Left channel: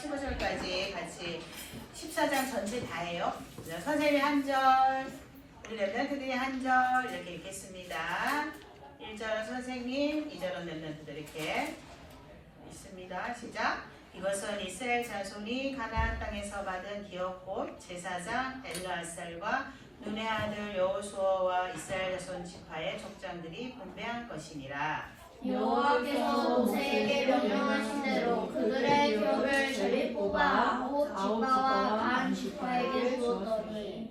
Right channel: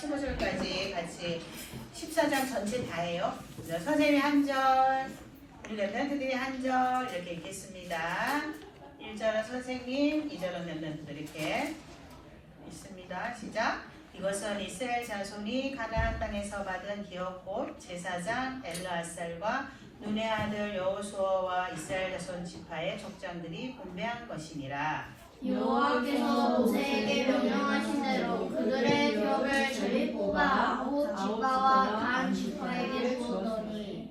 15절까지 같이 14장 전체 다 해요. 선생님이 한 절, 우리 랩런트들이 한 절 이렇게 읽겠습니다. 1절은 선생님, 2절은 랩런트들 이렇게 있습니다. 시작. 이것은 이스라엘 자손이 가나안 땅에서 받은 기업 곧 제사장 엘르아살과 눈의 아들 여호수아와 이스라엘 자손 지파의 족장들이 분배한 것이니라. 여호와께서 모세에게 명령하신 대로 그들의 기업을 제비 뽑아 곧 지파와 반 지파에게 주었더니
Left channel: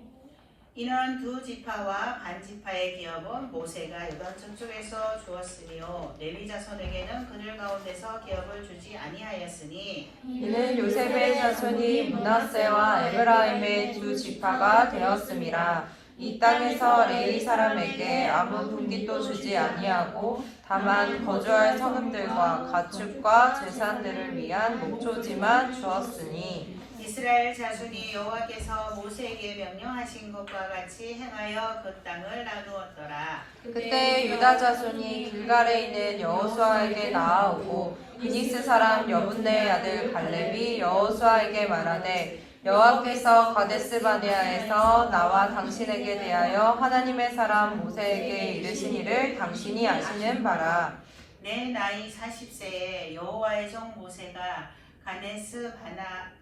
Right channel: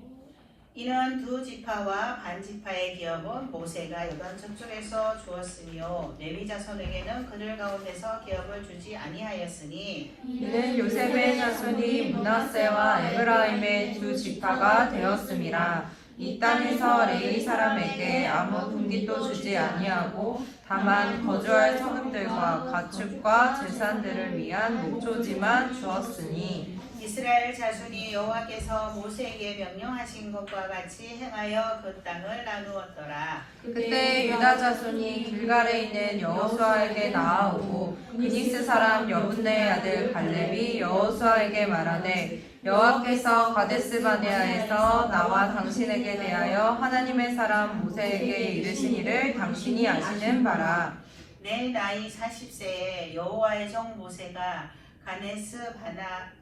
이는 두 지파와 반 지파의 기업은 모세가 요단 저쪽에서 주었으니요 레위 자손에게는 그들 가운데서 기업을 주지 아니하였으니 이는 요셉의 자손이 므낫세와 에브라임의 두 지파가 되었음이라. 이 땅에서 레위 사람에게 아무 분깃도 주지 아니하고 다만 거주할 성읍들과 가축과 재산들을 위한 목초지만 주었으니 이스라엘 자손이 여호와께서 모세에게 명령하신 것과 같이 행하여 그 땅을 나누었더라. 그때 유다 자손이 길갈에 있는 여호수아에게 나아오고 그니스 사람 여분네의 아들 갈렙이 여호수아에게 말하되 여호와께서 가데스바네아에서 나와 당신에게 대하여 하나님의 사람 모세에게 이르시니를 당신이 아시는 바라. 내 나이 40세에 여호와의 종 모세가 가데스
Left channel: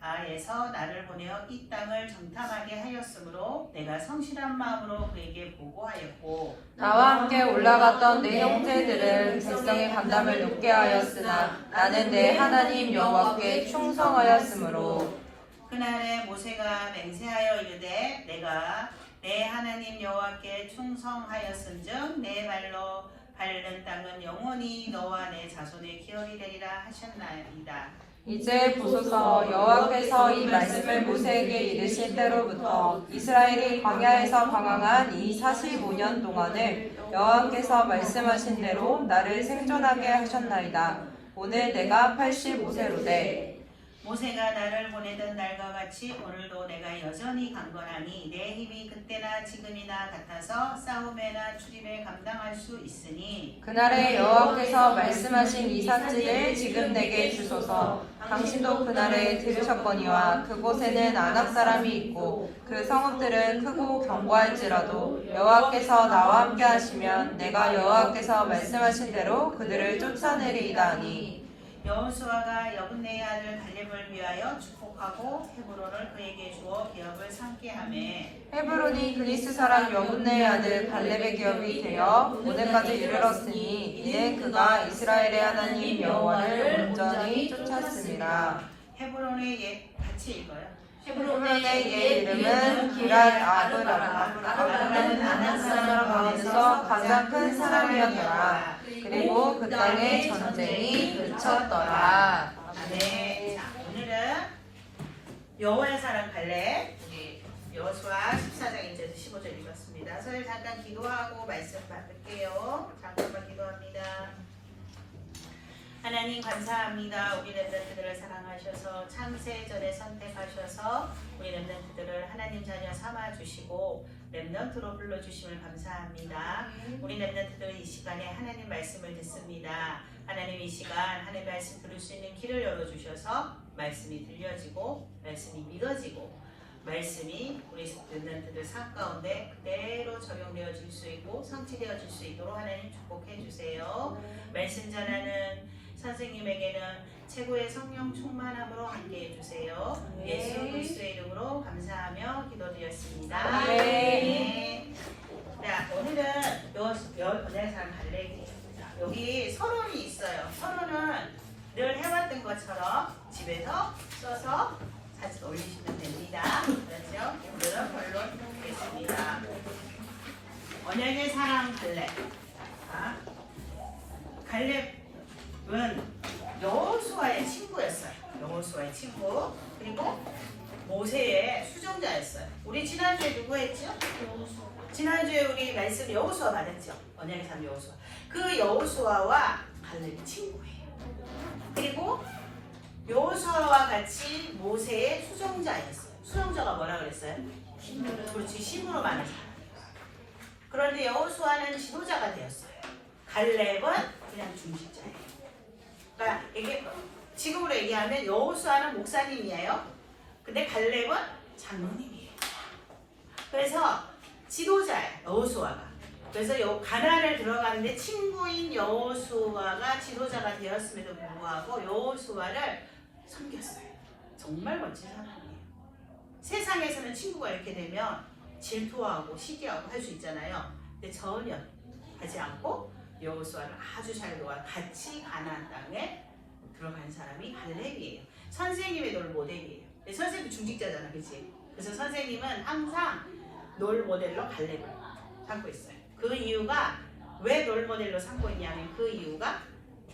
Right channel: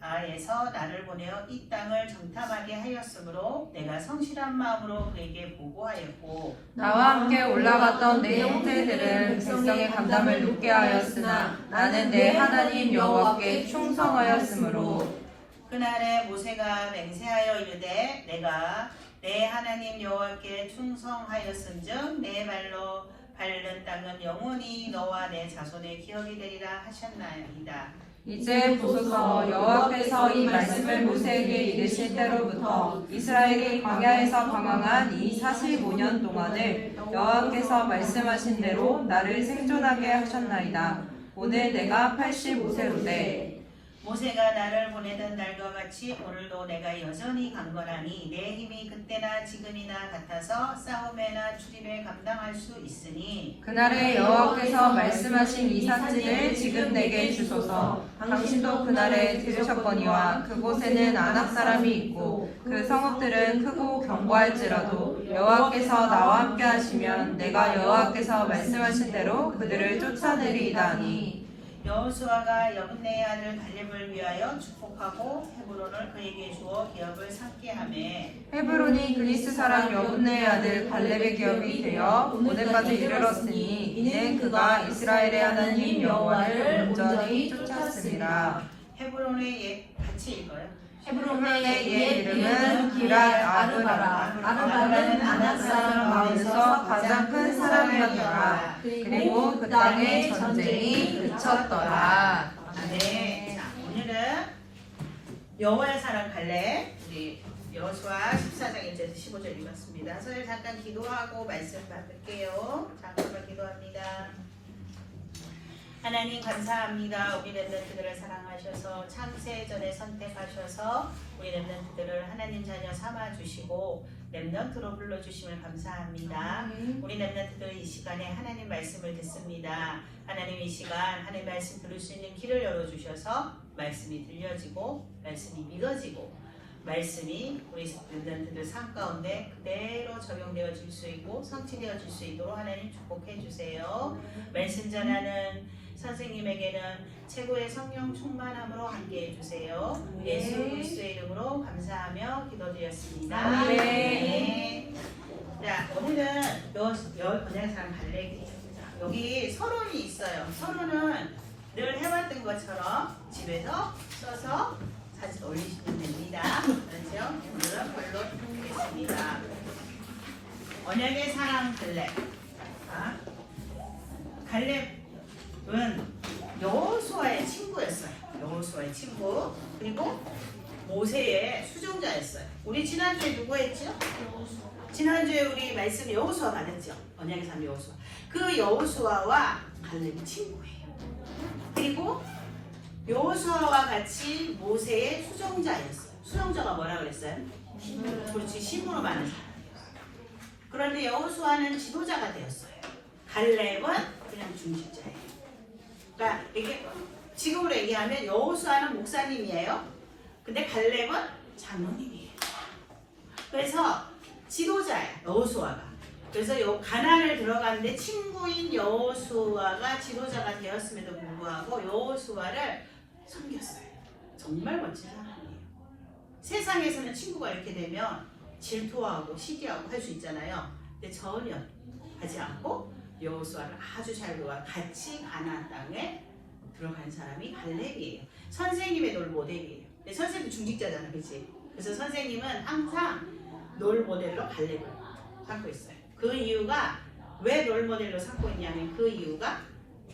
바네아에서 나를 보내어 이 땅을 정탐하게 하였으므로 내가 성실한 마음으로 그에게 보고하였고 나와 함께 올라갔던 내 형제들은 백성의 간담을 높게 하였으나 나는 내 하나님 여호와께 충성하였으므로 그날에 모세가 맹세하여 이르되 내가 내 하나님 여호와께 충성하였은즉 내 발로 밟는 땅은 영원히 너와 내 자손의 기업이 되리라 하셨나이다. 이제 보소서 여호와께서 이 말씀을 모세에게 이르실 때로부터 이스라엘이 광야에서 방황한 이 45년 동안을 여호와께서 말씀하신 대로 나를 생존하게 하셨나이다. 오늘 내가 85세로되 모세가 나를 보내던 날과 같이 오늘도 내가 여전히 강건하니 내 힘이 그때나 지금이나 같아서 싸움에나 출입에 감당할 수 있으니 그날에 여호와께서 말씀하신 이 산지를 지금 내게 주소서. 당신도 그날에 들으셨거니와 그곳에는 아낙 사람이 있고 그 성읍들은 크고 견고할지라도 여호와께서 나와 함께 하시면 내가 여호와께서 말씀하신 대로 그들을 쫓아내리이다 하니 여호수아가 여분네의 아들 갈렙을 위하여 축복하고 헤브론을 그에게 주어 기업을 삼게 하며 헤브론이 그리스 사람 여분네의 아들 갈렙의 기업이 되어 오늘까지 이르렀으니 이는 그가 이스라엘의 하나님 여호와를 온전히 쫓았으니라. 헤브론의 옛 같이 읽어요. 헤브론의 옛 이름은 기랄 아브라라. 아브라는 아낙 사람 가운데서 가장 큰 사람이었더라. 그리고 그 땅에 전쟁이 그쳤더라. 네, 자, 오늘은 여호와의 사람 갈렙 우리 여호수아 14장 1절에서 15절 읽었습니다. 저희 잠깐 기도하고 말씀 받을게요. 잠깐만 기도합니다. 하나님 감사합니다. 우리 렘넌트들을 사랑하셔서 창세전에 선택하셔서 우리 렘넌트들을 하나님 자녀 삼아주시고 렘넌트로 불러주심을 감사합니다. 우리 렘넌트들 이 시간에 하나님 말씀을 듣습니다. 하나님 이 시간 하나님 말씀 들을 수 있는 길을 열어주셔서 말씀이 들려지고 말씀이 믿어지고 말씀이 우리 렘넌트들 삶 가운데 그대로 적용되어 줄 수 있고 성취되어 줄 수 있도록 하나님 축복해 주세요. 말씀 전하는 선생님에게는 최고의 성령 충만함으로 함께해 주세요. 예수 그리스도의 이름으로 감사하며 기도드렸습니다. 네. 자, 오늘은 은혜 사람 갈렙이에요. 여기 서론이 있어요. 서론은 늘 해왔던 것처럼 집에서 써서 사진 올리시면 됩니다. 그렇죠? 오늘은 별로 하겠습니다. 언약의 사랑 갈렙. 갈렙은 여호수아의 친구였어요. 여호수아의 친구. 그리고 모세의 수종자였어요. 우리 지난주에 누구 했죠? 지난주에 우리 말씀 여호수아 받았죠? 언약의 사람 여호수아. 그 여호수아와 갈렙이 친구예요. 그리고 여호수아와 같이 모세의 수종자였어요. 수종자가 뭐라 그랬어요? 그렇지, 심으로 많은 사람이에요. 그런데 여호수아는 지도자가 되었어요. 갈렙은 그냥 중직자예요. 그러니까 이게 지금으로 얘기하면 여호수아는 목사님이에요. 근데 갈렙은 장로님이에요. 그래서 지도자예요. 여호수아가. 그래서 가나안을 들어가는데 친구인 여호수아가 지도자가 되었음에도 불구하고 여호수아를 섬겼어요. 정말 멋진 사람이에요. 세상에서는 친구가 이렇게 되면 질투하고 시기하고 할 수 있잖아요. 근데 전혀 하지 않고 여호수아를 아주 잘 도와 같이 가나안 땅에 들어간 사람이 갈렙이에요. 선생님의 롤 모델이에요. 근데 선생님이 중직자잖아, 그렇지? 그래서 선생님은 항상 롤 모델로 갈렙을 삼고 있어요. 그 이유가 왜 롤 모델로 삼고 있냐면 그 이유가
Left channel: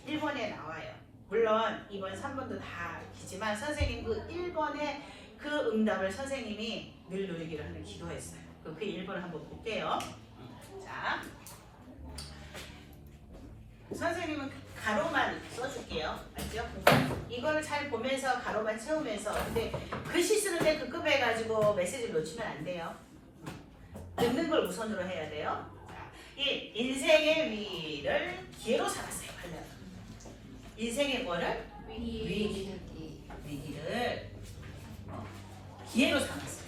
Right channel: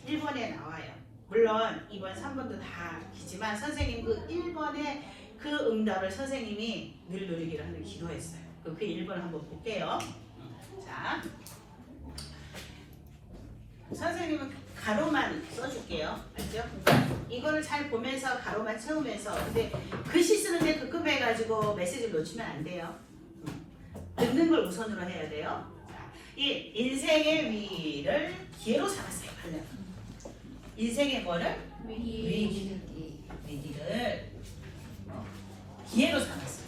1번에 나와요. 물론 2번, 3번도 다 기지만 선생님 그 1번의 그 응답을 선생님이 늘 누리기를 하는 기도했어요. 그 1번을 한번 볼게요. 자, 선생님은 가로만 써줄게요. 알죠? 이거를 잘 보면서 가로만 채우면서 근데 글씨 쓰는데 급급해가지고 메시지를 놓치면 안 돼요. 듣는 걸 우선으로 해야 돼요. 1. 인생의 위를 기회로 삼았어요. 인생의 뭐를? 위기를 기회로 삼았어요.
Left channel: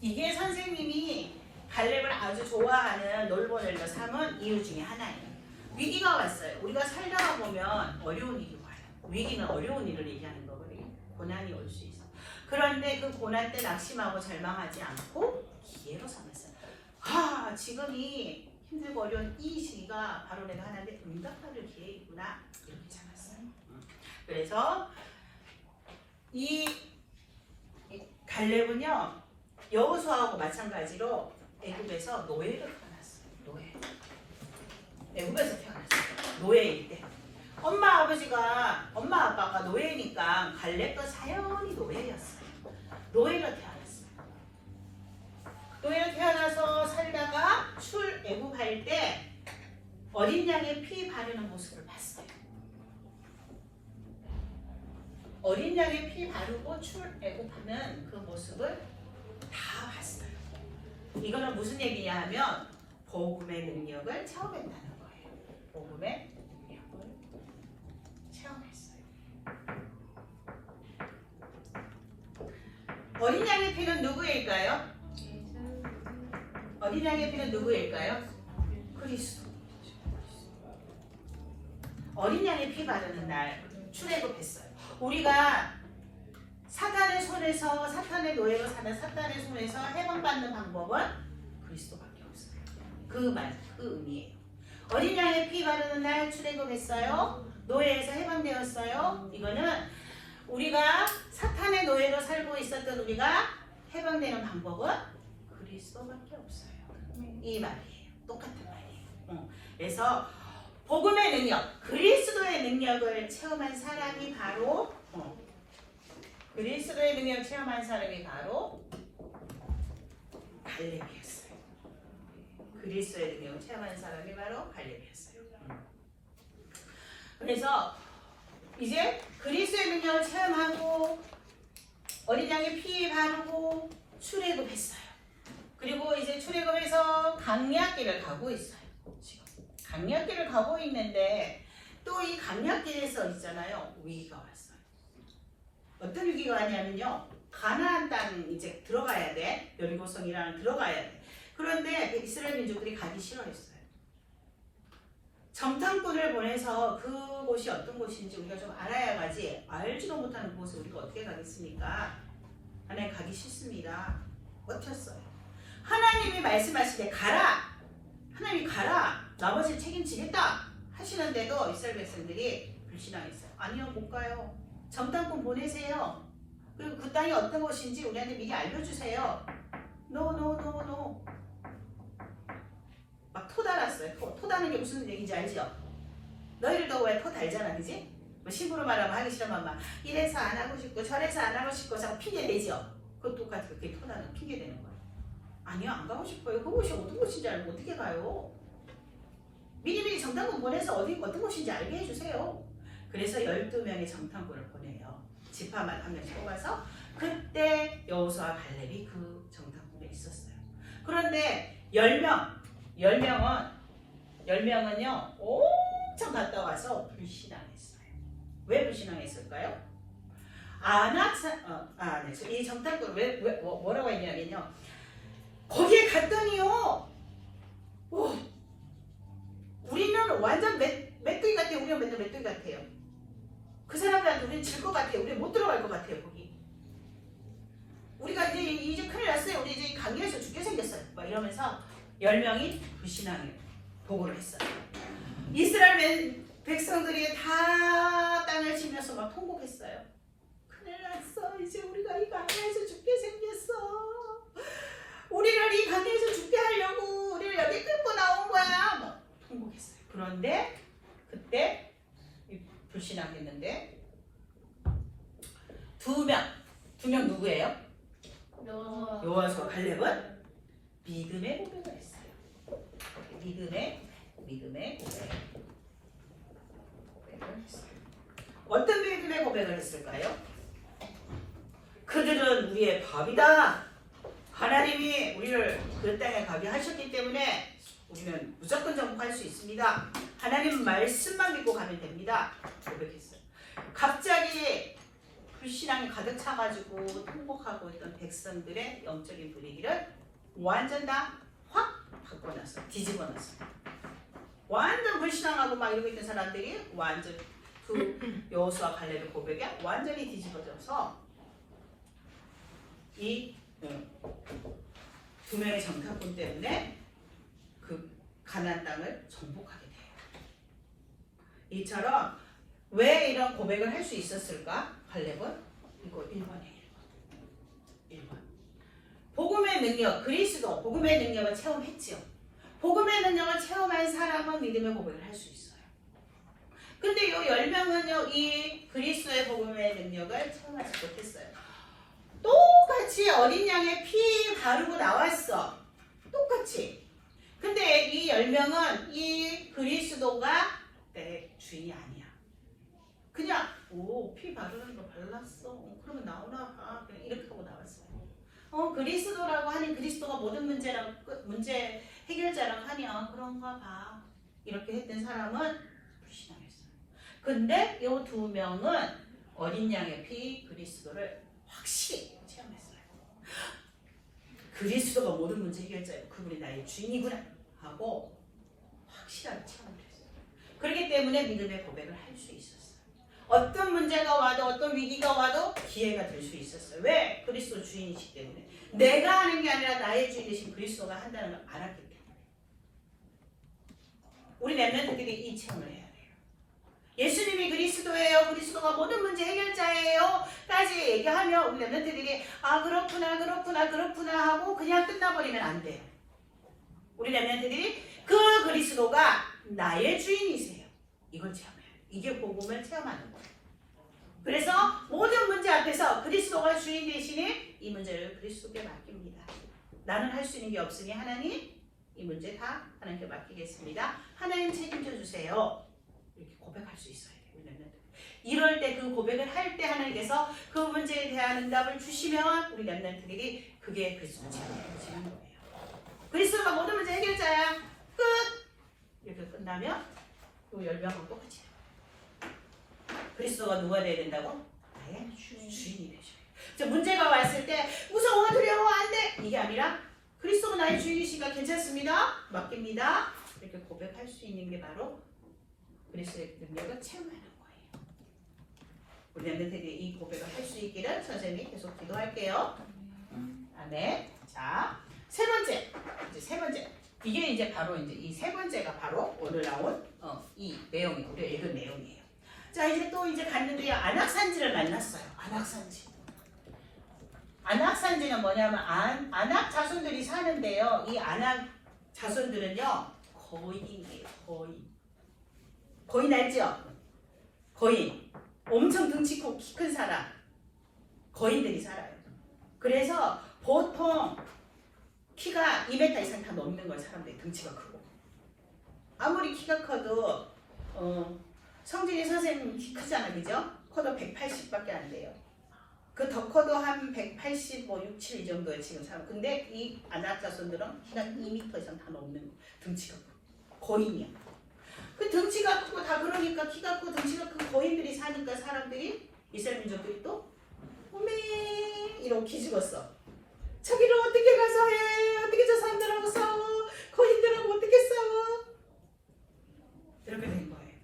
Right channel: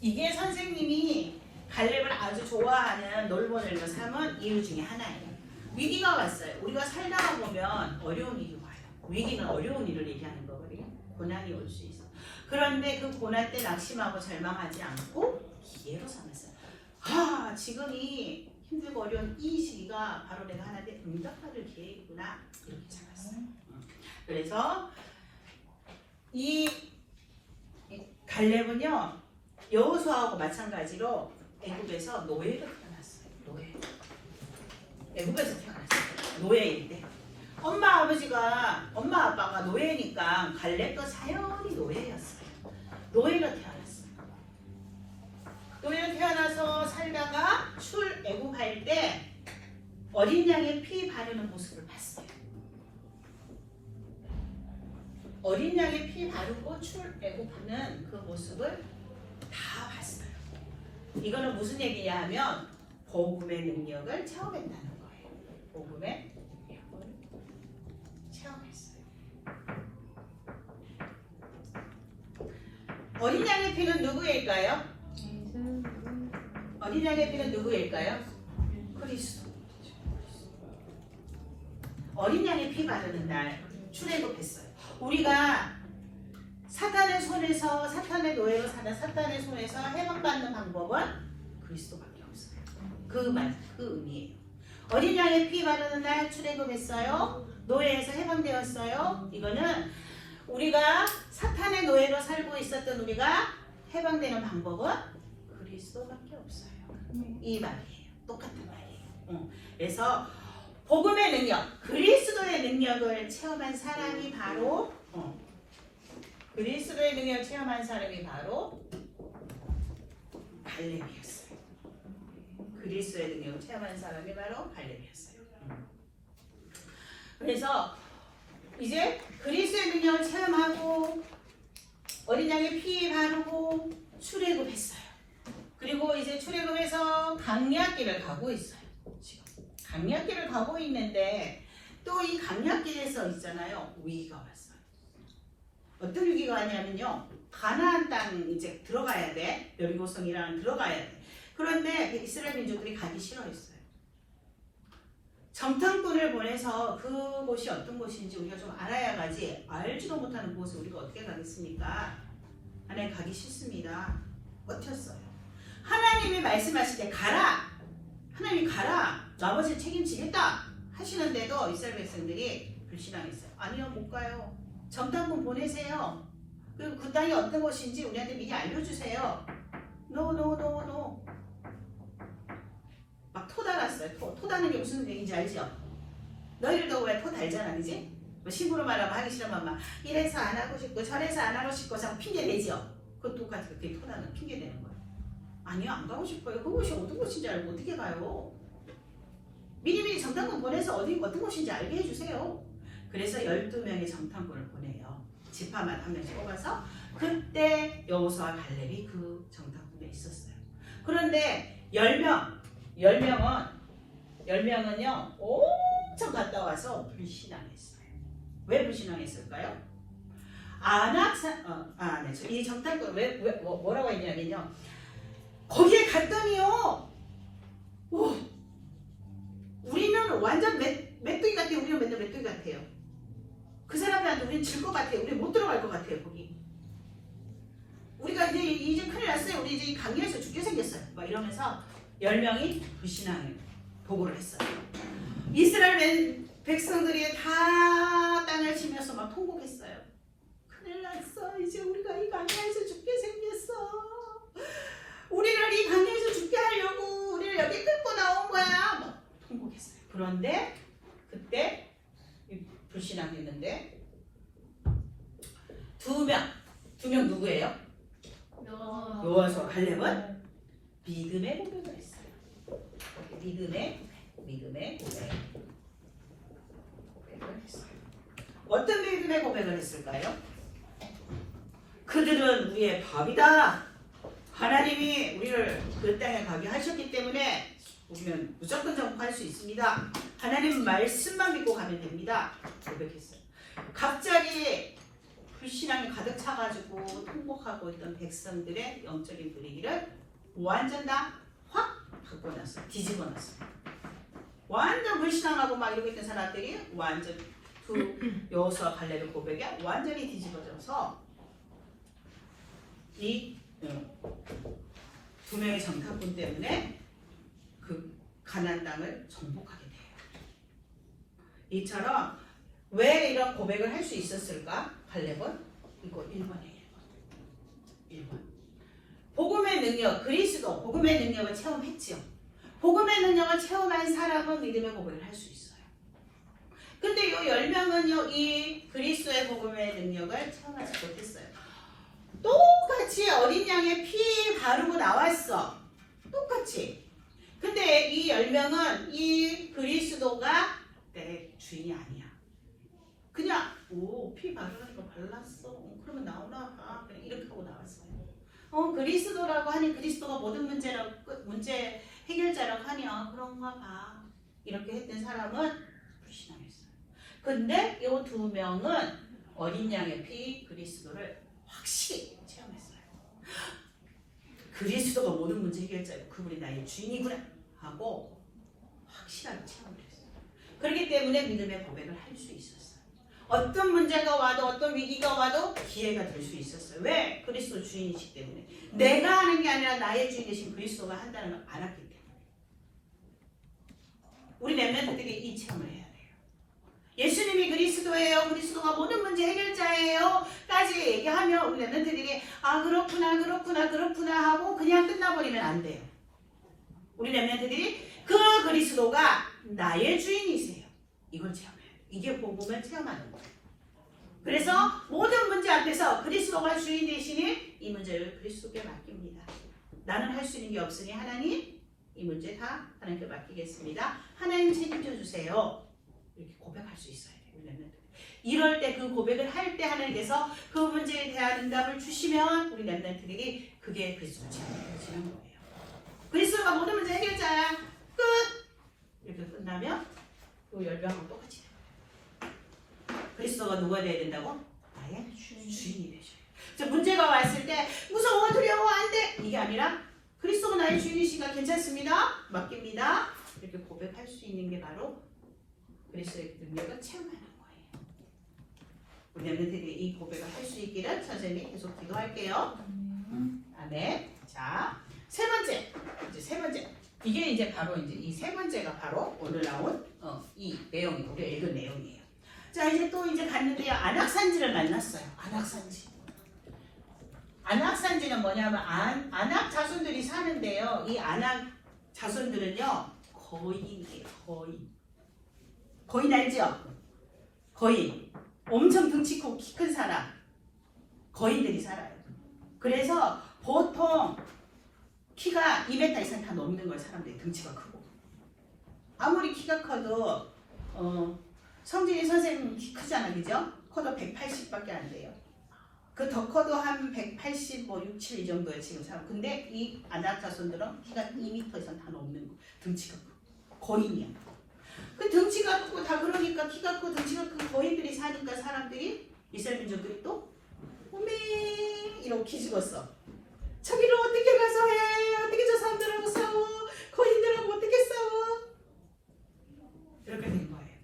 이게 선생님이 갈렙을 아주 좋아하는 롤모델로 삼은 이유 중에 하나예요. 위기가 왔어요. 우리가 살다가 보면 어려운 일이 와요. 위기는 어려운 일을 얘기하는 거거든요. 고난이 올 수 있어. 그런데 그 고난 때 낙심하고 절망하지 않고 기회로 삼았어요. 지금 이 힘들고 어려운 이 시기가 바로 내가 하나님의 응답받을 기회이구나. 이렇게 잡았어요. 그래서 이 갈렙은요 여호수아하고 마찬가지로 애굽에서 노예로 태어났어요. 노예. 애굽에서 태어났어요. 노예일 때. 엄마 아빠가 노예니까 갈렙도 사연이 노예였어요. 노예로 태어났어요. 노예로 태어나서 살다가 출애굽할 때 어린 양의 피 바르는 모습을 봤어요. 어린 양의 피 바르고 출애굽하는 그 모습을 다 봤어요. 이거는 무슨 얘기냐 하면 복음의 능력을 체험했다는 거예요. 복음의 능력을 체험했어요. 어린 양의 피는 누구일까요? 어린 양의 피는 누구일까요? 그리스도. 어린 양의 피 바르는 날 출애굽했어요. 우리가 사탄의 손에서 사탄의 노예로 사는 사탄의 손에서 해방받는 방법은 그리스도밖에 없어요. 그 의미예요. 어린 양의 피 바르는 날 출애굽했어요. 노예에서 해방되었어요. 이거는 우리가 사탄의 노예로 살고 있었던 우리가 해방되는 방법은 그리스도밖에 없어요. 이 말이에요. 똑같은 말이에요. 그래서 복음의 능력, 그리스도의 능력을 체험한 사람이 바로 그리스도의 능력을 체험한 사람이 바로 갈렙이었어요. 그리스도의 능력을 체험한 사람이 바로 갈렙이었어요. 그래서 이제 그리스도의 능력을 체험하고 어린 양의 피 바르고 출애굽했어요. 그리고 이제 출애굽해서 강약길을 가고 있어요. 지금 강약길을 가고 있는데 또 이 강약길에서 있잖아요. 위기가 왔어요. 어떤 위기가 왔냐면요. 가나안 땅 이제 들어가야 돼. 여리고성이라는 들어가야 돼. 그런데 이스라엘 민족들이 가기 싫어했어요. 정탐꾼을 보내서 그곳이 어떤 곳인지 우리가 좀 알아야 가지 알지도 못하는 그곳에 우리가 어떻게 가겠습니까? 하나님 가기 싫습니다. 버텼어요. 하나님이 말씀하실 때 가라. 하나님이 가라. 나머지 책임지겠다. 하시는데도 이스라엘 백성들이 불신앙했어요. 아니요, 못 가요. 정탐꾼 보내세요. 그리고 그 땅이 어떤 곳인지 우리한테 미리 알려주세요. No. 막 토 달았어요. 토 다는 게 무슨 얘기인지 알죠? 너희들도 왜 토 달잖아, 그지? 뭐 신부로 말하면 하기 싫으면 막 이래서 안 하고 싶고 저래서 안 하고 싶고 자꾸 핑계 대죠. 그것도 똑같이 그렇게 토 다는 핑계 대는 거예요. 아니요, 안 가고 싶어요. 그곳이 어떤 곳인지 알고 어떻게 가요? 미리미리 정탐꾼 보내서 어떤 곳인지 알게 해주세요. 그래서 12명의 정탐꾼을 보내요. 지파만 한 명씩 뽑아서 그때 여호수아 갈렙이 그 정탐꾼에 있었어요. 그런데 10명은요 엄청 갔다 와서 불신앙했어요. 왜 불신앙했을까요? 이 정탐꾼 뭐라고 했냐면요. 거기에 갔더니요. 우리는 완전 메뚜기 같아요. 우리는 맨날 메뚜기 같아요. 그 사람들한테 우리는 질 것 같아요. 우리는 못 들어갈 것 같아요. 거기. 우리가 이제 큰일 났어요. 우리 이제 강길에서 죽게 생겼어요. 막 이러면서 10명이 불신앙을 보고를 했어요. 이스라엘 백성들이 다 땅을 치면서 막 통곡했어요. 큰일 났어. 이제 우리가 이 강야에서 죽게 생겼어. 우리를 이 강야에서 죽게 하려고 우리를 여기 끌고 나온 거야. 막 통곡했어요. 그런데 그때 불신앙했는데 두 명 누구예요? 여호수아 갈렙은 믿음의 고백을 했어요. 믿음의 고백을 했어요. 어떤 믿음의 고백을 했을까요? 그들은 우리의 밥이다. 하나님이 우리를 그 땅에 가게 하셨기 때문에 우리는 무조건 정복할 수 있습니다. 하나님 말씀만 믿고 가면 됩니다. 고백했어요. 갑자기 불신앙이 가득 차가지고 통곡하고 있던 백성들의 영적인 분위기를 완전 다 확 바꿔놨어요. 뒤집어놨어요. 완전 불신앙하고 막 이러고 있던 사람들이 완전 그 여호수아 갈렙의 고백에 완전히 뒤집어져서 이 두 명의 정탐꾼 때문에 그 가나안 땅을 정복하게 돼요. 이처럼 왜 이런 고백을 할 수 있었을까? 갈렙은 이거 1번. 복음의 능력, 그리스도 복음의 능력을 체험했지요. 복음의 능력을 체험한 사람은 믿음의 고백을 할 수 있어요. 근데 이 10명은요, 이 그리스도의 복음의 능력을 체험하지 못했어요. 똑같이 어린 양의 피 바르고 나왔어. 똑같이. 근데 이 10명은 이 그리스도가 내 주인이 아니야. 그냥 피 바르는 거 발랐어. 그러면 나오나 봐. 그냥 이렇게 하고 나왔어요. 그리스도라고 하니 그리스도가 모든 문제 해결자라고 하냐 그런가 봐. 이렇게 했던 사람은 불신앙했어요. 근데 이 두 명은 어린 양의 피 그리스도를 확실히 체험했어요. 그리스도가 모든 문제 해결자이고 그분이 나의 주인이구나 하고 확실하게 체험을 했어요. 그렇기 때문에 믿음의 고백을 할 수 있었어요. 어떤 문제가 와도 어떤 위기가 와도 기회가 될 수 있었어요. 왜? 그리스도 주인이시기 때문에. 내가 하는 게 아니라 나의 주인이신 그리스도가 한다는 걸 알았기 때문에. 우리 렘넌트들이 이 체험을 해야 돼요. 예수님이 그리스도예요. 그리스도가 모든 문제 해결자예요. 까지 얘기하면 우리 렘넌트들이 그렇구나 하고 그냥 끝나버리면 안 돼요. 우리 렘넌트들이 그 그리스도가 나의 주인이세요. 이걸 체험해요. 이게 복음을 체험하는 거예요. 그래서 모든 문제 앞에서 그리스도가 주인 대신에 이 문제를 그리스도께 맡깁니다. 나는 할 수 있는 게 없으니 하나님 이 문제 다 하나님께 맡기겠습니다. 하나님 책임져 주세요. 이렇게 고백할 수 있어야 돼요. 우리 이럴 때 그 고백을 할 때 하나님께서 그 문제에 대한 응답을 주시면 우리 렘넌트들이 그게 그리스도 체험해지는 거예요. 그리스도가 모든 문제 해결자야. 끝! 이렇게 끝나면 또 10명하고 똑같이 돼요. 그리스도가 누가 돼야 된다고? 나의 주인이 되셔요. 자, 문제가 왔을 때 무서워 두려워 안 돼! 이게 아니라 그리스도가 나의 주인이시니까 괜찮습니다. 맡깁니다. 이렇게 고백할 수 있는 게 바로 그리스도의 능력을 체험하는 거예요. 우리 렘넌트들이 이 고백을 할 수 있기를 선생님이 계속 기도할게요. 아멘. 자, 세 번째. 이게 이제 바로 이 세 번째가 바로 오늘 나온 이 내용이에요. 우리가 읽은 내용이에요. 자, 이제 또 갔는데요. 안악산지를 만났어요. 안악산지는 뭐냐면 안악 자손들이 사는데요. 이 안악 자손들은요 거인이에요. 거인 알죠? 거인. 엄청 등치 크고 키 큰 사람. 거인들이 살아요. 그래서 보통 키가 2m 이상 다 넘는 거예요. 사람들이 등치가 크고. 아무리 키가 커도 성진이 선생님 키 크잖아, 그죠? 커도 180밖에 안 돼요. 그 더 커도 한 180, 6, 7 이 정도에 지금 사람. 근데 이 안악 자손들은 키가 2m 이상 다 넘는 거. 등치가 크고. 거인이야. 그 등치가 크고 다 그러니까 키가 크고 등치가 큰 거인들이 사니까 사람들이 이스라엘 민족들이 또 오메 이러고 기죽었어. 저기를 어떻게 가서 해? 어떻게 저 사람들하고 싸워? 거인들하고 어떻게 싸워? 이렇게 된 거예요.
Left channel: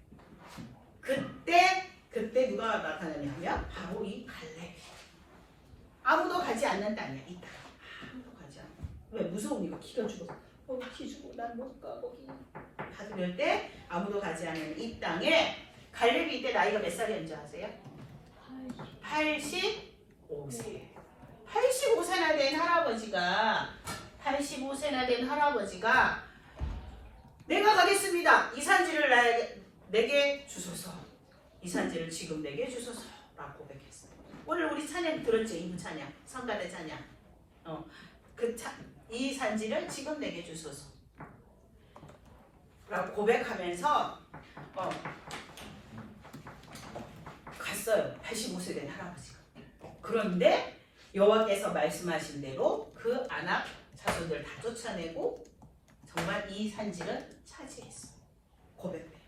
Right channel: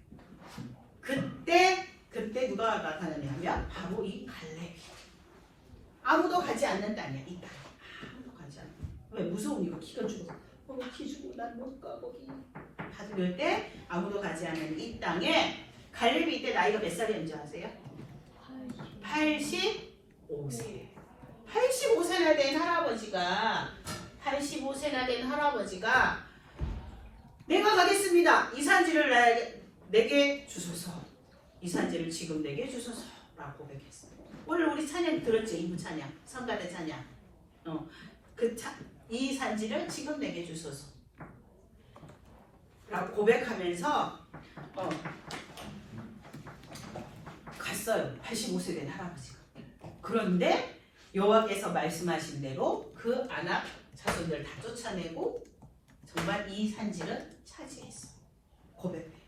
그때 누가 나타나냐면 바로 이 갈렙이. 아무도 가지 않는 땅이야 이 땅. 아무도 가지 않아. 왜? 무서우니까 키가 죽어서. 키 주고 난 못 가 거기. 다들 이럴 때 아무도 가지 않는 이 땅에 갈렙이 이때 나이가 몇 살이었는지 아세요? 85세. 85세나 된 할아버지가 내가 가겠습니다. 이 산지를 내게 주소서. 이 산지를 지금 내게 주소서 라고 고백했어요. 오늘 우리 찬양 들었죠? 이부 찬양, 성가대 찬양. 이 산지를 지금 내게 주소서 라고 고백하면서 갔어요. 85세 된 할아버지가. 그런데 여호와께서 말씀하신 대로 그 아낙 자손들 다 쫓아내고 정말 이 산지를 차지했어. 고백돼요.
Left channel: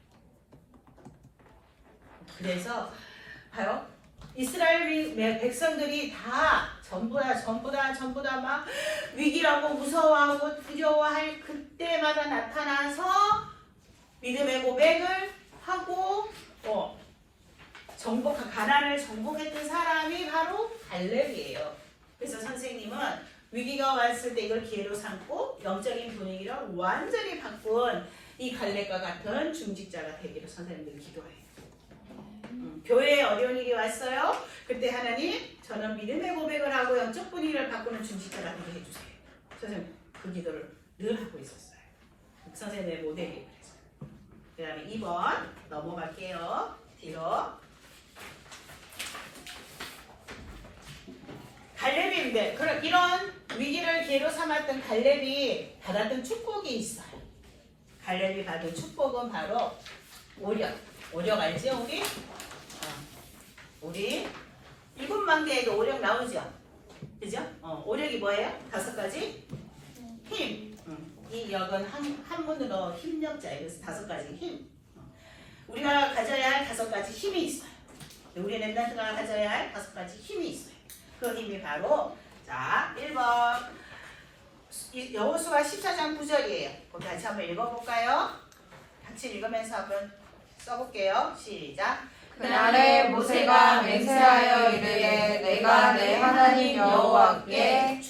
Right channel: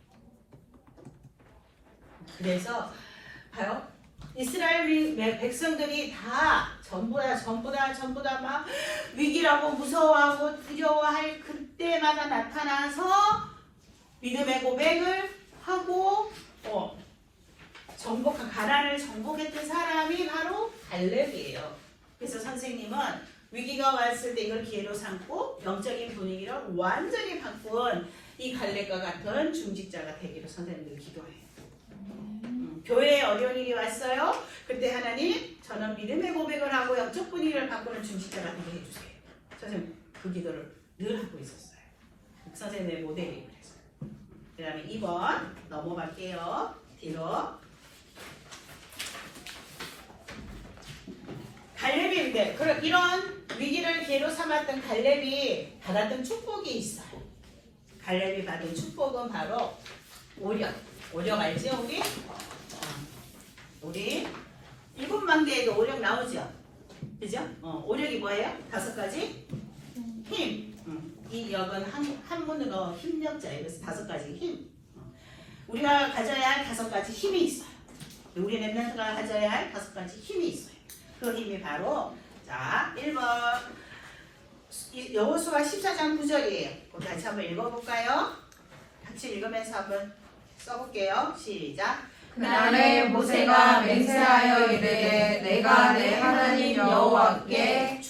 그래서 봐요. 이스라엘 백성들이 다 전부 다 막 위기라고 무서워하고 두려워할 그때마다 나타나서 믿음의 고백을 하고 가나안을 정복했던 사람이 바로 갈렙이에요. 그래서 선생님은 위기가 왔을 때 이걸 기회로 삼고 영적인 분위기를 완전히 바꾼 이 갈렙과 같은 중직자가 되기를 선생님들이 기도해요. 교회에 어려운 일이 왔어요. 그때 하나님 저는 믿음의 고백을 하고 영적 분위기를 바꾸는 중직자가 되게 해주세요. 선생님 그 기도를 늘 하고 있었어요. 선생님의 모델이에요. 그 다음에 2번 넘어갈게요. 뒤로. 갈렙인데 이런 위기를 기회로 삼았던 갈렙이 받았던 축복이 있어요. 갈렙이 받은 축복은 바로 오력. 오력 알지 우리 일곱 만개에도 오력 나오죠. 그죠? 오력이 뭐예요? 5가지 힘. 이 역은 한 분으로 힘력자예요. 그래서 5가지 힘. 우리가 가져야 할 5가지 힘이 있어요. 우리 렘넌트가 가져야 할 5가지 힘이 있어요. 그 힘이 바로 자 1번 여호수아 14장 9절이에요. 거기 같이 한번 읽어볼까요? 같이 읽으면서 한번 써볼게요. 시작. 그날에 모세가 맹세하여 이르되 내가 내 하나님 여호와께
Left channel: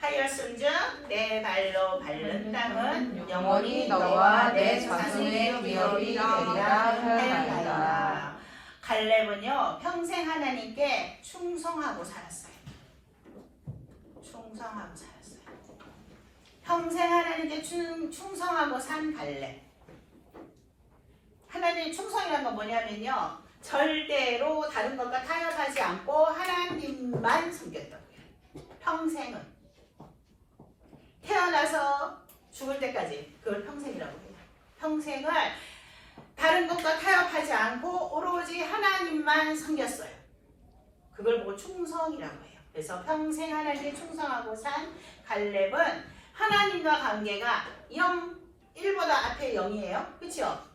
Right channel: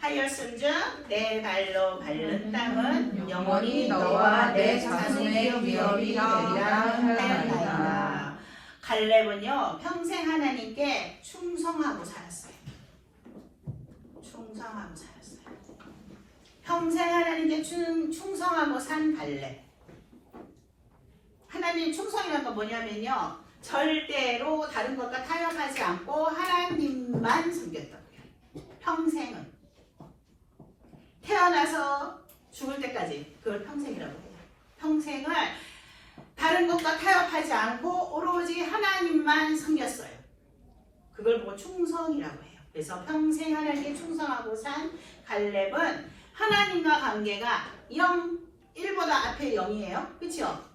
충성하였은즉 내 발로 밟는 땅은 영원히 너와 내 자손의 위협이 되리라 하나이다. 갈렙은요 평생 하나님께 충성하고 살았어요. 평생 하나님께 충성하고 산 갈렙. 하나님 충성이란 건 뭐냐면요 절대로 다른 것과 타협하지 않고 하나님만 섬겼다고요. 평생은 태어나서 죽을 때까지 그걸 평생이라고 해요. 평생을 다른 것과 타협하지 않고 오로지 하나님만 섬겼어요. 그걸 보고 충성이라고 해요. 그래서 평생 하나님께 충성하고 산 갈렙은 하나님과 관계가 1보다 앞에 0이에요. 그렇죠?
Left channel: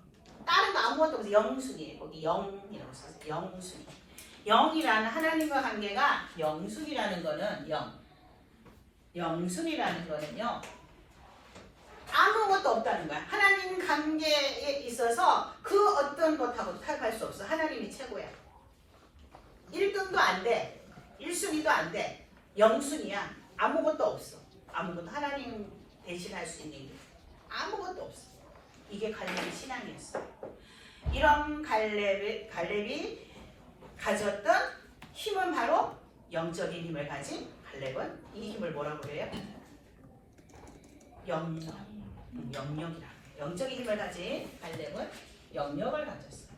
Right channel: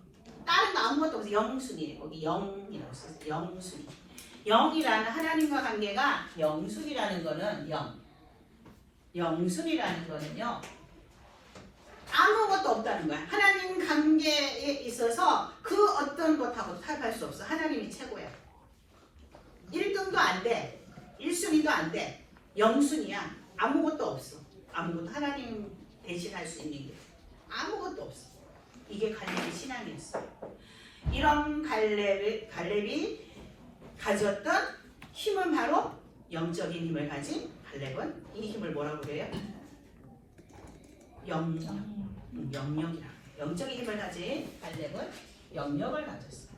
다른 거 아무것도 없어요. 영순이에요. 거기 0이라고 써요. 영순이. 0이라는 하나님과 관계가 영순이라는 거는 영순이라는 거는요. 아무것도 없다는 거야. 하나님 관계에 있어서 그 어떤 것하고 타협할 수 없어. 하나님이 최고야. 1등도 안 돼. 1순위도 안 돼. 영순이야. 아무것도 없어. 아무것도 하나님 대신할 수 있는 게 아무것도 없어. 이게 갈렙의 신앙이었어요. 이런 갈렙이 가졌던 힘은 바로 영적인 힘을 가진 갈렙은 이 힘을 뭐라고 그래요? 영력이라. 영적인 힘을 가진 갈렙은 영력을 가졌어요.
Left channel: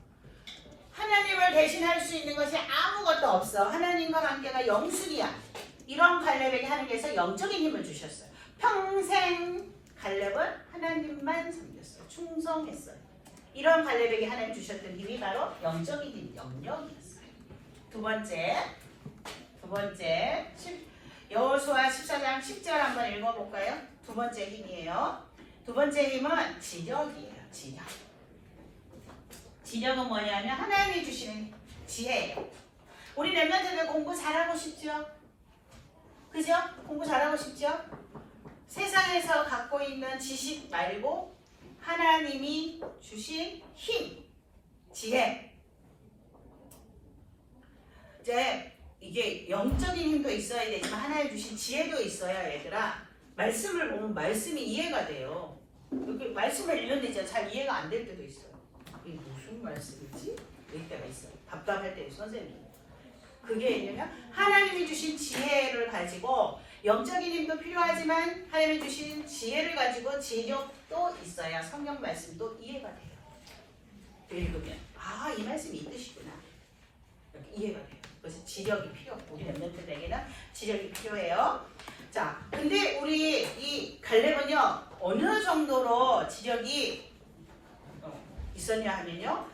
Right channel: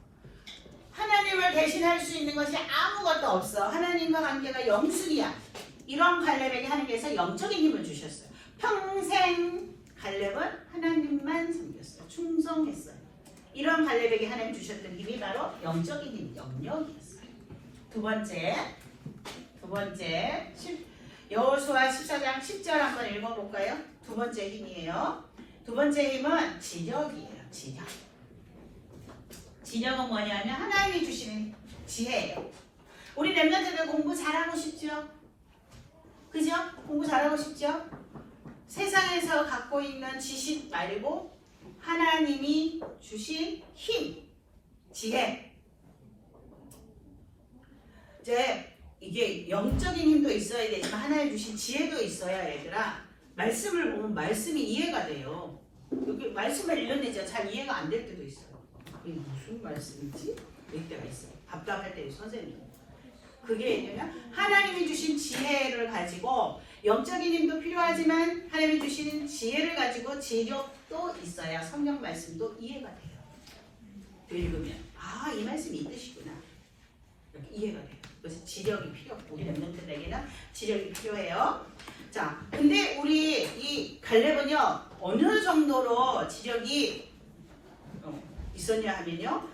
하나님을 대신할 수 있는 것이 아무것도 없어. 하나님과 관계가 영순이야. 이런 갈렙에게 하나님께서 영적인 힘을 주셨어요. 평생 갈렙은 하나님만 섬겼어요. 충성했어요. 이런 갈렙에게 하나님 주셨던 힘이 바로 영적인 힘, 영력이었어요. 두 번째 여호수아 14장 10절 한번 읽어볼까요? 두 번째 힘이에요. 두 번째 힘은 지력이에요. 지력. 지력은 뭐냐면 하나님이 주시는 지혜예요. 우리 랩런트들 공부 잘하고 싶죠? 그죠? 공부 잘하고 싶죠? 세상에서 갖고 있는 지식 말고 하나님이 주신 힘, 지혜. 이제 이게 영적인 힘도 있어야 되지만 하나님 주신 지혜도 있어야 얘들아. 말씀을 보면 말씀이 이해가 돼요. 여기 말씀을 읽는데 잘 이해가 안 될 때도 있어요. 이게 무슨 말씀이지? 이럴 때가 있어요. 답답할 때 선생님. 그게 뭐냐면 하나님이 주신 지혜를 가지고 영적인 힘도 필요하지만 하나님이 주신 지혜를 가지고 지력도 있어야 성경 말씀도 이해가 돼요. 읽으면 아, 이 말씀이 이 뜻이구나. 이렇게 이해가 돼요. 그래서 지력이 필요하고 우리 랩런트들에게는 지력이 필요해요. 자, 근데 우리 이 갈렙은요 어느 정도로 지력이 있었냐 하면요.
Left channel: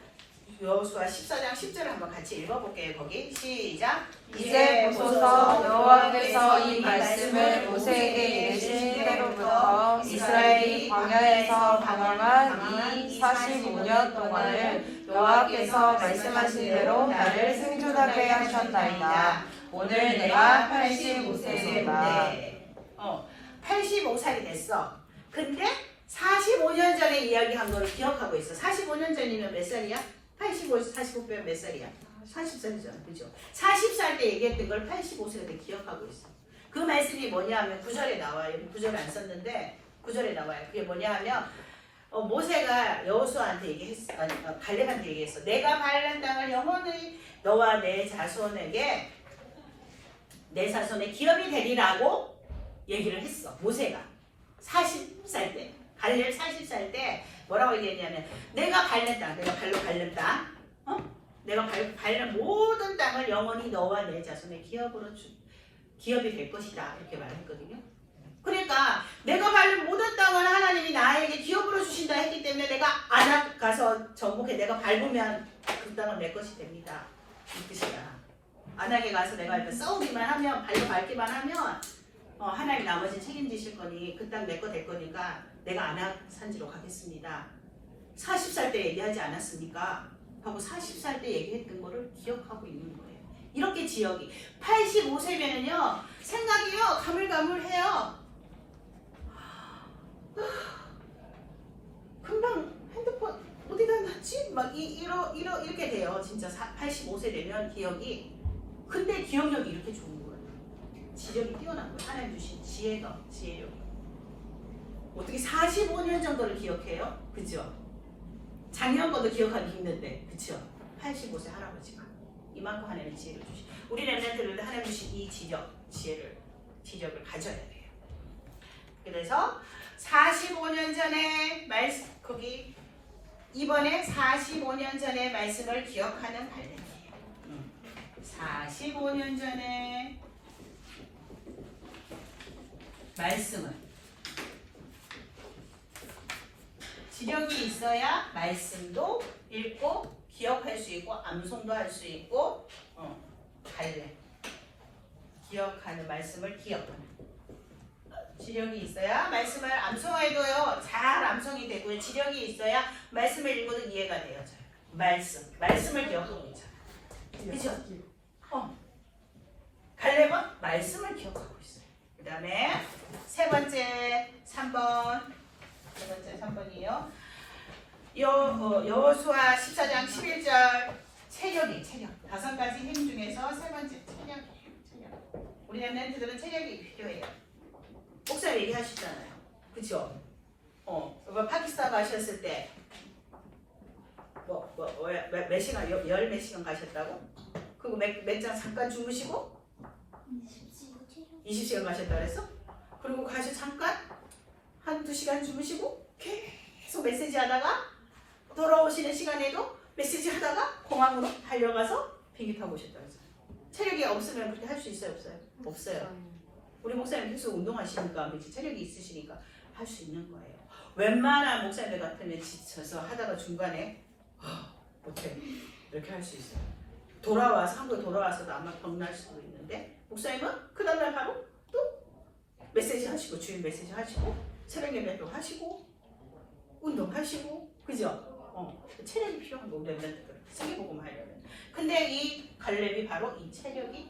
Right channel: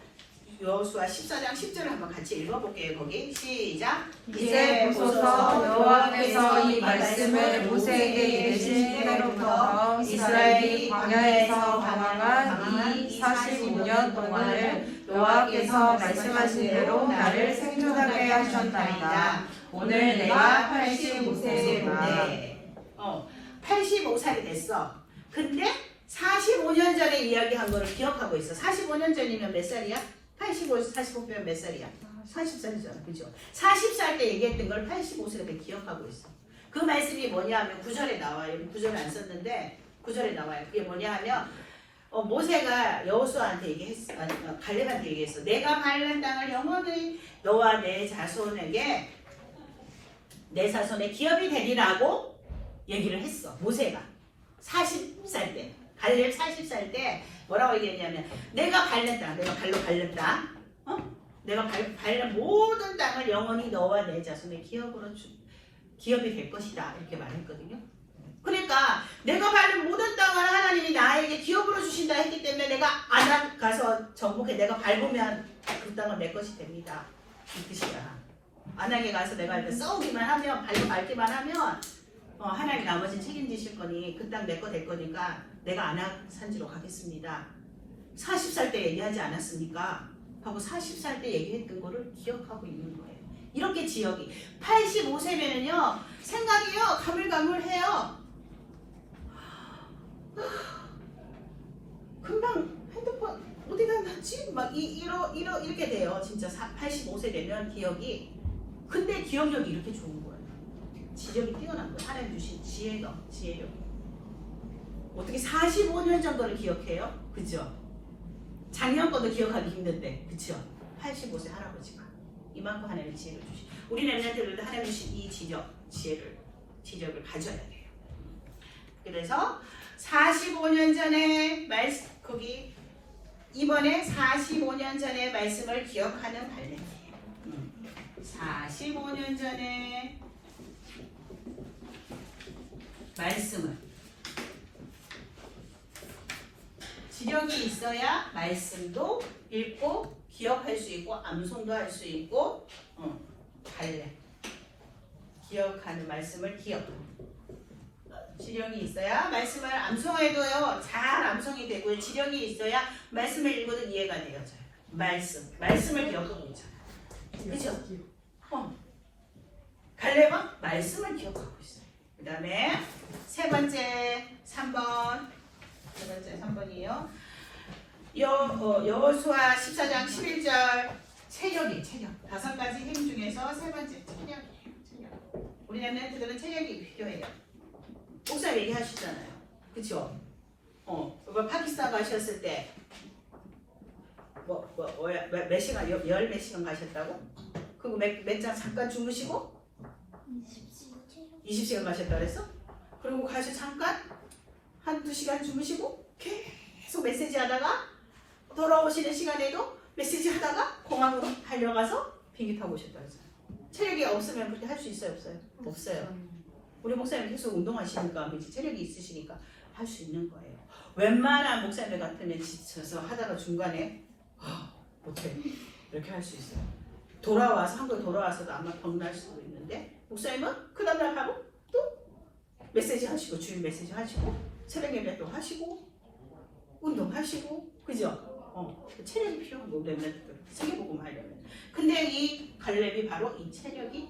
여호수아 14장 10절을 한번 같이 읽어볼게요. 거기 시작. 이제 보소서 여호와께서 이 말씀을 모세에게 이르신 때로부터 이스라엘이 광야에서 방황한 이 45년 동안을 여호와께서 말씀하신 대로 나를 생존하게 하셨나이다. 오늘 내가 85세이다. 85살이 됐어. 근데 45년 전에 이야기한 거를 기억하고 있어. 45년 전이면 몇 살이야? 45 빼면 몇 살이야? 40살이잖아. 그죠? 40살 때 얘기했던 걸 85세가 돼 기억하고 있어. 그 말씀이 뭐냐 하면 9절에 나와요. 9절에 안 썼는데 9절에 나와요. 그게 뭐냐 하면 모세가 여호수아한테 얘기했어. 갈렙한테 얘기했어. 내가 바른 땅을 영원히 너와 내 자손에 기업이 되리라고 얘기를 했어. 모세가 40살 때 갈렙 40살 때 뭐라고 얘기했냐면 내가 밟는 땅, 내가 발로 밟는 땅, 내가 밟는 모든 땅을 영원히 너와 내 자손의 기업이 될 것이다 이렇게 말했거든요. 그러니까 내가 밟는 모든 땅을 하나님이 나에게 기업으로 주신다 했기 때문에 내가 아낙 가서 정복해 내가 밟으면 그 땅은 내 것이 됩니다. 이 뜻이야. 아낙에 가서 내가 이렇게 싸우기만 하면 발로 밟기만 하면 하나님 나머지는 책임지실 거니 그 땅 내 거 될 거니까 내가 아낙 산지로 가겠습니다. 40살 때 얘기하지 않았습니까? 하고 40살 때 얘기했던 거를 기억하고 있는 거예요. 이렇게 지역이 85세면은요 생각이요 가물가물해요. 금방 핸드폰 어디다 놨지? 막 이렇게 돼요. 진짜 85세 되면 기억이. 근데 기억력이 이렇게 좋은 거예요. 지력이 뛰어난 거예요. 하나님 주신 지혜력이. 어떻게 45년 정도를 기억해요? 그죠? 작년 것도 기억하기 힘든데, 그죠? 85세 할아버지가 이만큼 하나님의 지혜를 주시. 우리 랩런트들도 하나님 주신 이 지력을 가져야 돼요. 그래서 45년 전에 거기 이번에 45년 전의 말씀을 기억하는 발명이에요. 45년 전에 말씀을 지력이 있어야 말씀도 읽고 기억할 수 있고 암송도 할 수 있고 갈래 기억하는 말씀을 지력이 있어야 말씀을 암송해도요 잘 암송이 되고요. 지력이 있어야 말씀을 읽어도 이해가 돼요. 말씀을 기억하고 있잖아요. 그죠? 갈렙은 말씀을 기억하고 있어요. 그 다음에 세 번째 3번이에요. 여호수아 14장 11절 체력. 5가지 힘 중에서 세 번째 체력이에요. 우리 랩런트들은 체력이 필요해요. 목사 얘기하시잖아요. 그쵸? 파키스탄 가셨을 때 몇 시간, 열 몇 시간 가셨다고? 그리고 몇 장 잠깐 주무시고 20시간 가셨다 그랬어? 그리고 가서 잠깐 한두 시간 주무시고 계속 메시지 하다가 돌아오시는 시간에도 메시지 하다가 공항으로 달려가서 비행기 타고 오셨다 그랬어. 체력이 없으면 그렇게 할 수 있어요? 없어요? 없어요. 우리 목사님 계속 운동하시니까 체력이 있으시니까 할 수 있는 거예요. 웬만한 목사님들 같으면 지쳐서 하다가 중간에 못해 이렇게 할 수 있어요. 한국 돌아와서도 아마 병날 수도 있는데 목사님은 그 다음날 바로 메시지 하시고 주일 메시지 하시고 새벽 예배도 하시고 운동하시고 그죠? 체력이 필요한 거 렘넌트들 세계복음 하려면. 근데 이 갈렙이 바로 이 체력이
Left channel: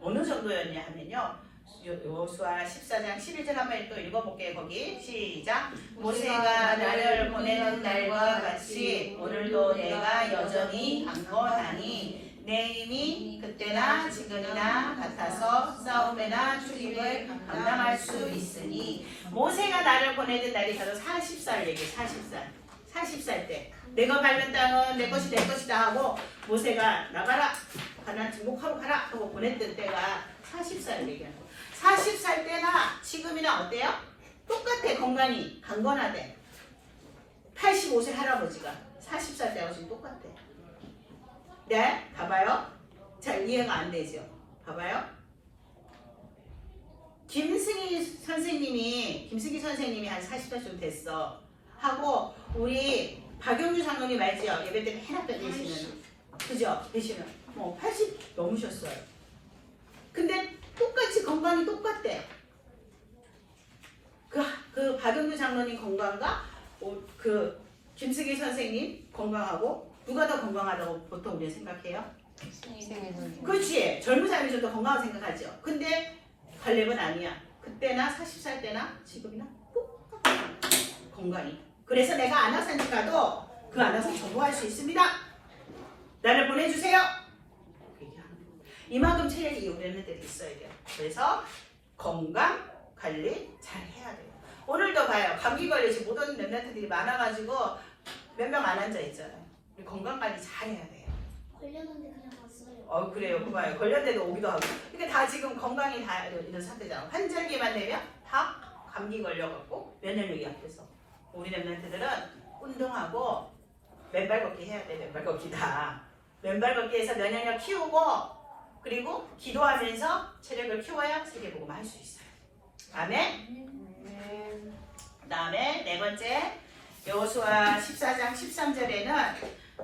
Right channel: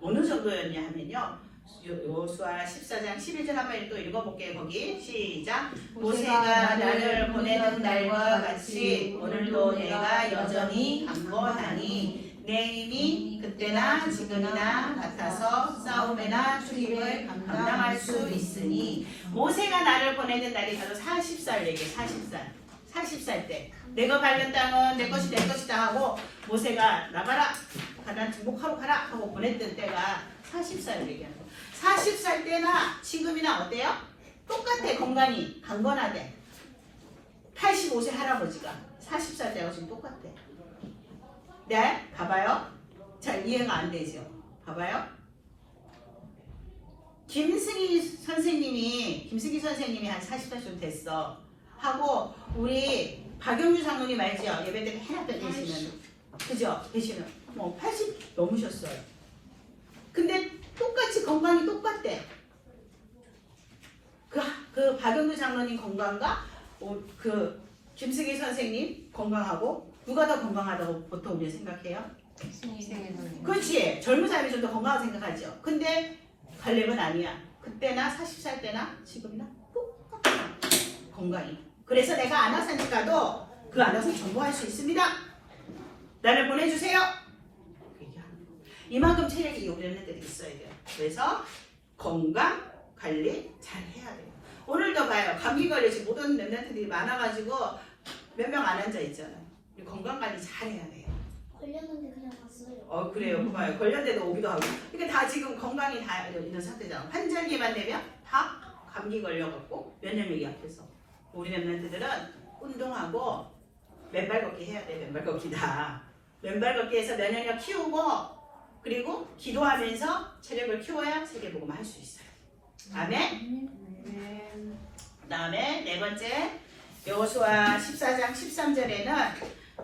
어느 정도였냐 하면요. 여호수아 14장 11절 한번 또 읽어볼게요. 거기 시작. 모세가 나를 보내는 날과 같이 오늘도 내가 여전히 강건하니 내 힘이 그때나 지금이나 같아서 싸움이나 출입을 감당할 수 있으니. 모세가 나를 보내는 날이 바로 40살 얘기. 40살 때 내가 밟는 땅은 내 것이다 하고 모세가 나가라 가나안 정복하러 가라 하고 보냈던 때가 40살 얘기하는 거. 40살 때나 지금이나 어때요? 똑같아. 건강이 강건하대. 85세 할아버지가 40살 때하고 지금 똑같아. 네? 봐봐요. 잘 이해가 안 되죠? 봐봐요. 김승희 선생님이 한 40살 좀 됐어. 하고 우리 박영주 장로님 알죠? 예배 때 해놨던 계시는 그죠? 계시는 80 넘으셨어요. 근데 똑같이 건강이 똑같대. 그 박영주 장로님 건강과 그 김승희 선생님 건강하고 누가 더 건강하다고 보통 우리 생각해요? 그렇지. 젊은 사람이 좀 더 건강하다고 생각하죠. 근데 갈렙은 아니야. 그때나 40살 때나 지금이나 똑같아. 건강이. 그래서 내가 안악산 가도 그 안악산 전부할 수 있습니다. 나를 보내주세요. 이만큼 체력이 요구되는 애들이 있어야 돼요. 그래서 건강 관리 잘 해야 돼요. 오늘도 봐요. 감기 걸리지 모든 렘넌트들이 많아가지고 몇 명 안 앉아 있잖아요. 우리 건강 관리 잘 해야 돼요. 걸렸는데 그냥 왔어요. 그래요. 봐요. 걸렸는데도 오기도 하고. 이게 다 지금 건강이 다 있는 상태잖아. 환절기만 되면 다 감기 걸려갖고 면역력이 약해서. 우리 렘넌트들은 운동하고 맨발 걷기 해야 돼. 맨발 걷기다. 맨발 걷기 해서 면역력 키우고 그리고 기도하면서 체력을 키워야 세계복음을 할 수 있어요. 아멘. 그 다음에 네 번째 여호수아 14장 13절에는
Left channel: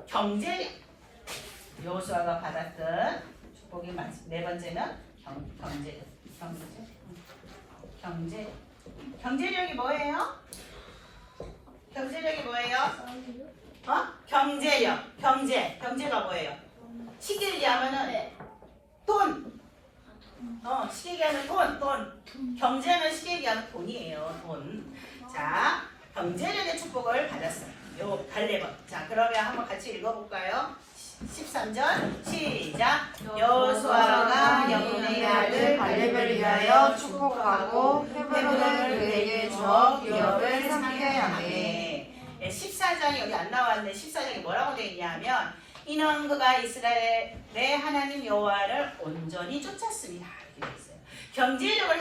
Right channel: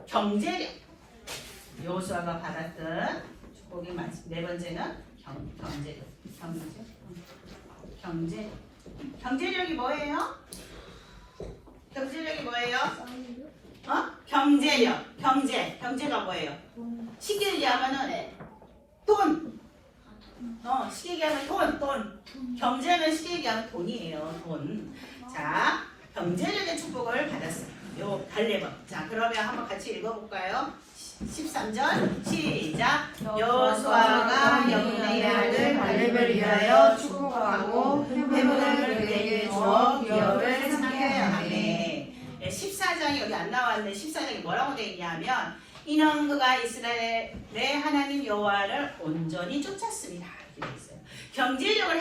경제력. 여호수아가 받았던 축복이 많습니다. 네 번째는 경제력이 뭐예요? 경제력이 뭐예요? 경제가 뭐예요? 쉽게 얘기하면은 돈. 쉽게 얘기하면 돈. 경제는 쉽게 얘기하면 돈이에요. 돈. 자, 경제력의 축복을 받았어요. 요 갈렙은. 자, 그러면 한번 같이 읽어볼까요? 13절 시작. 여호수아가 여분의 아들 갈렙을 위하여 축복하고 회복을 그에게 주어 기업을 상하게 하네. 14장이 여기 안 나왔는데 14장이 뭐라고 되어 있냐면 이는 그가 이스라엘의 하나님 여호와를 온전히 쫓았습니다. 이렇게 되어 있어요. 경제력을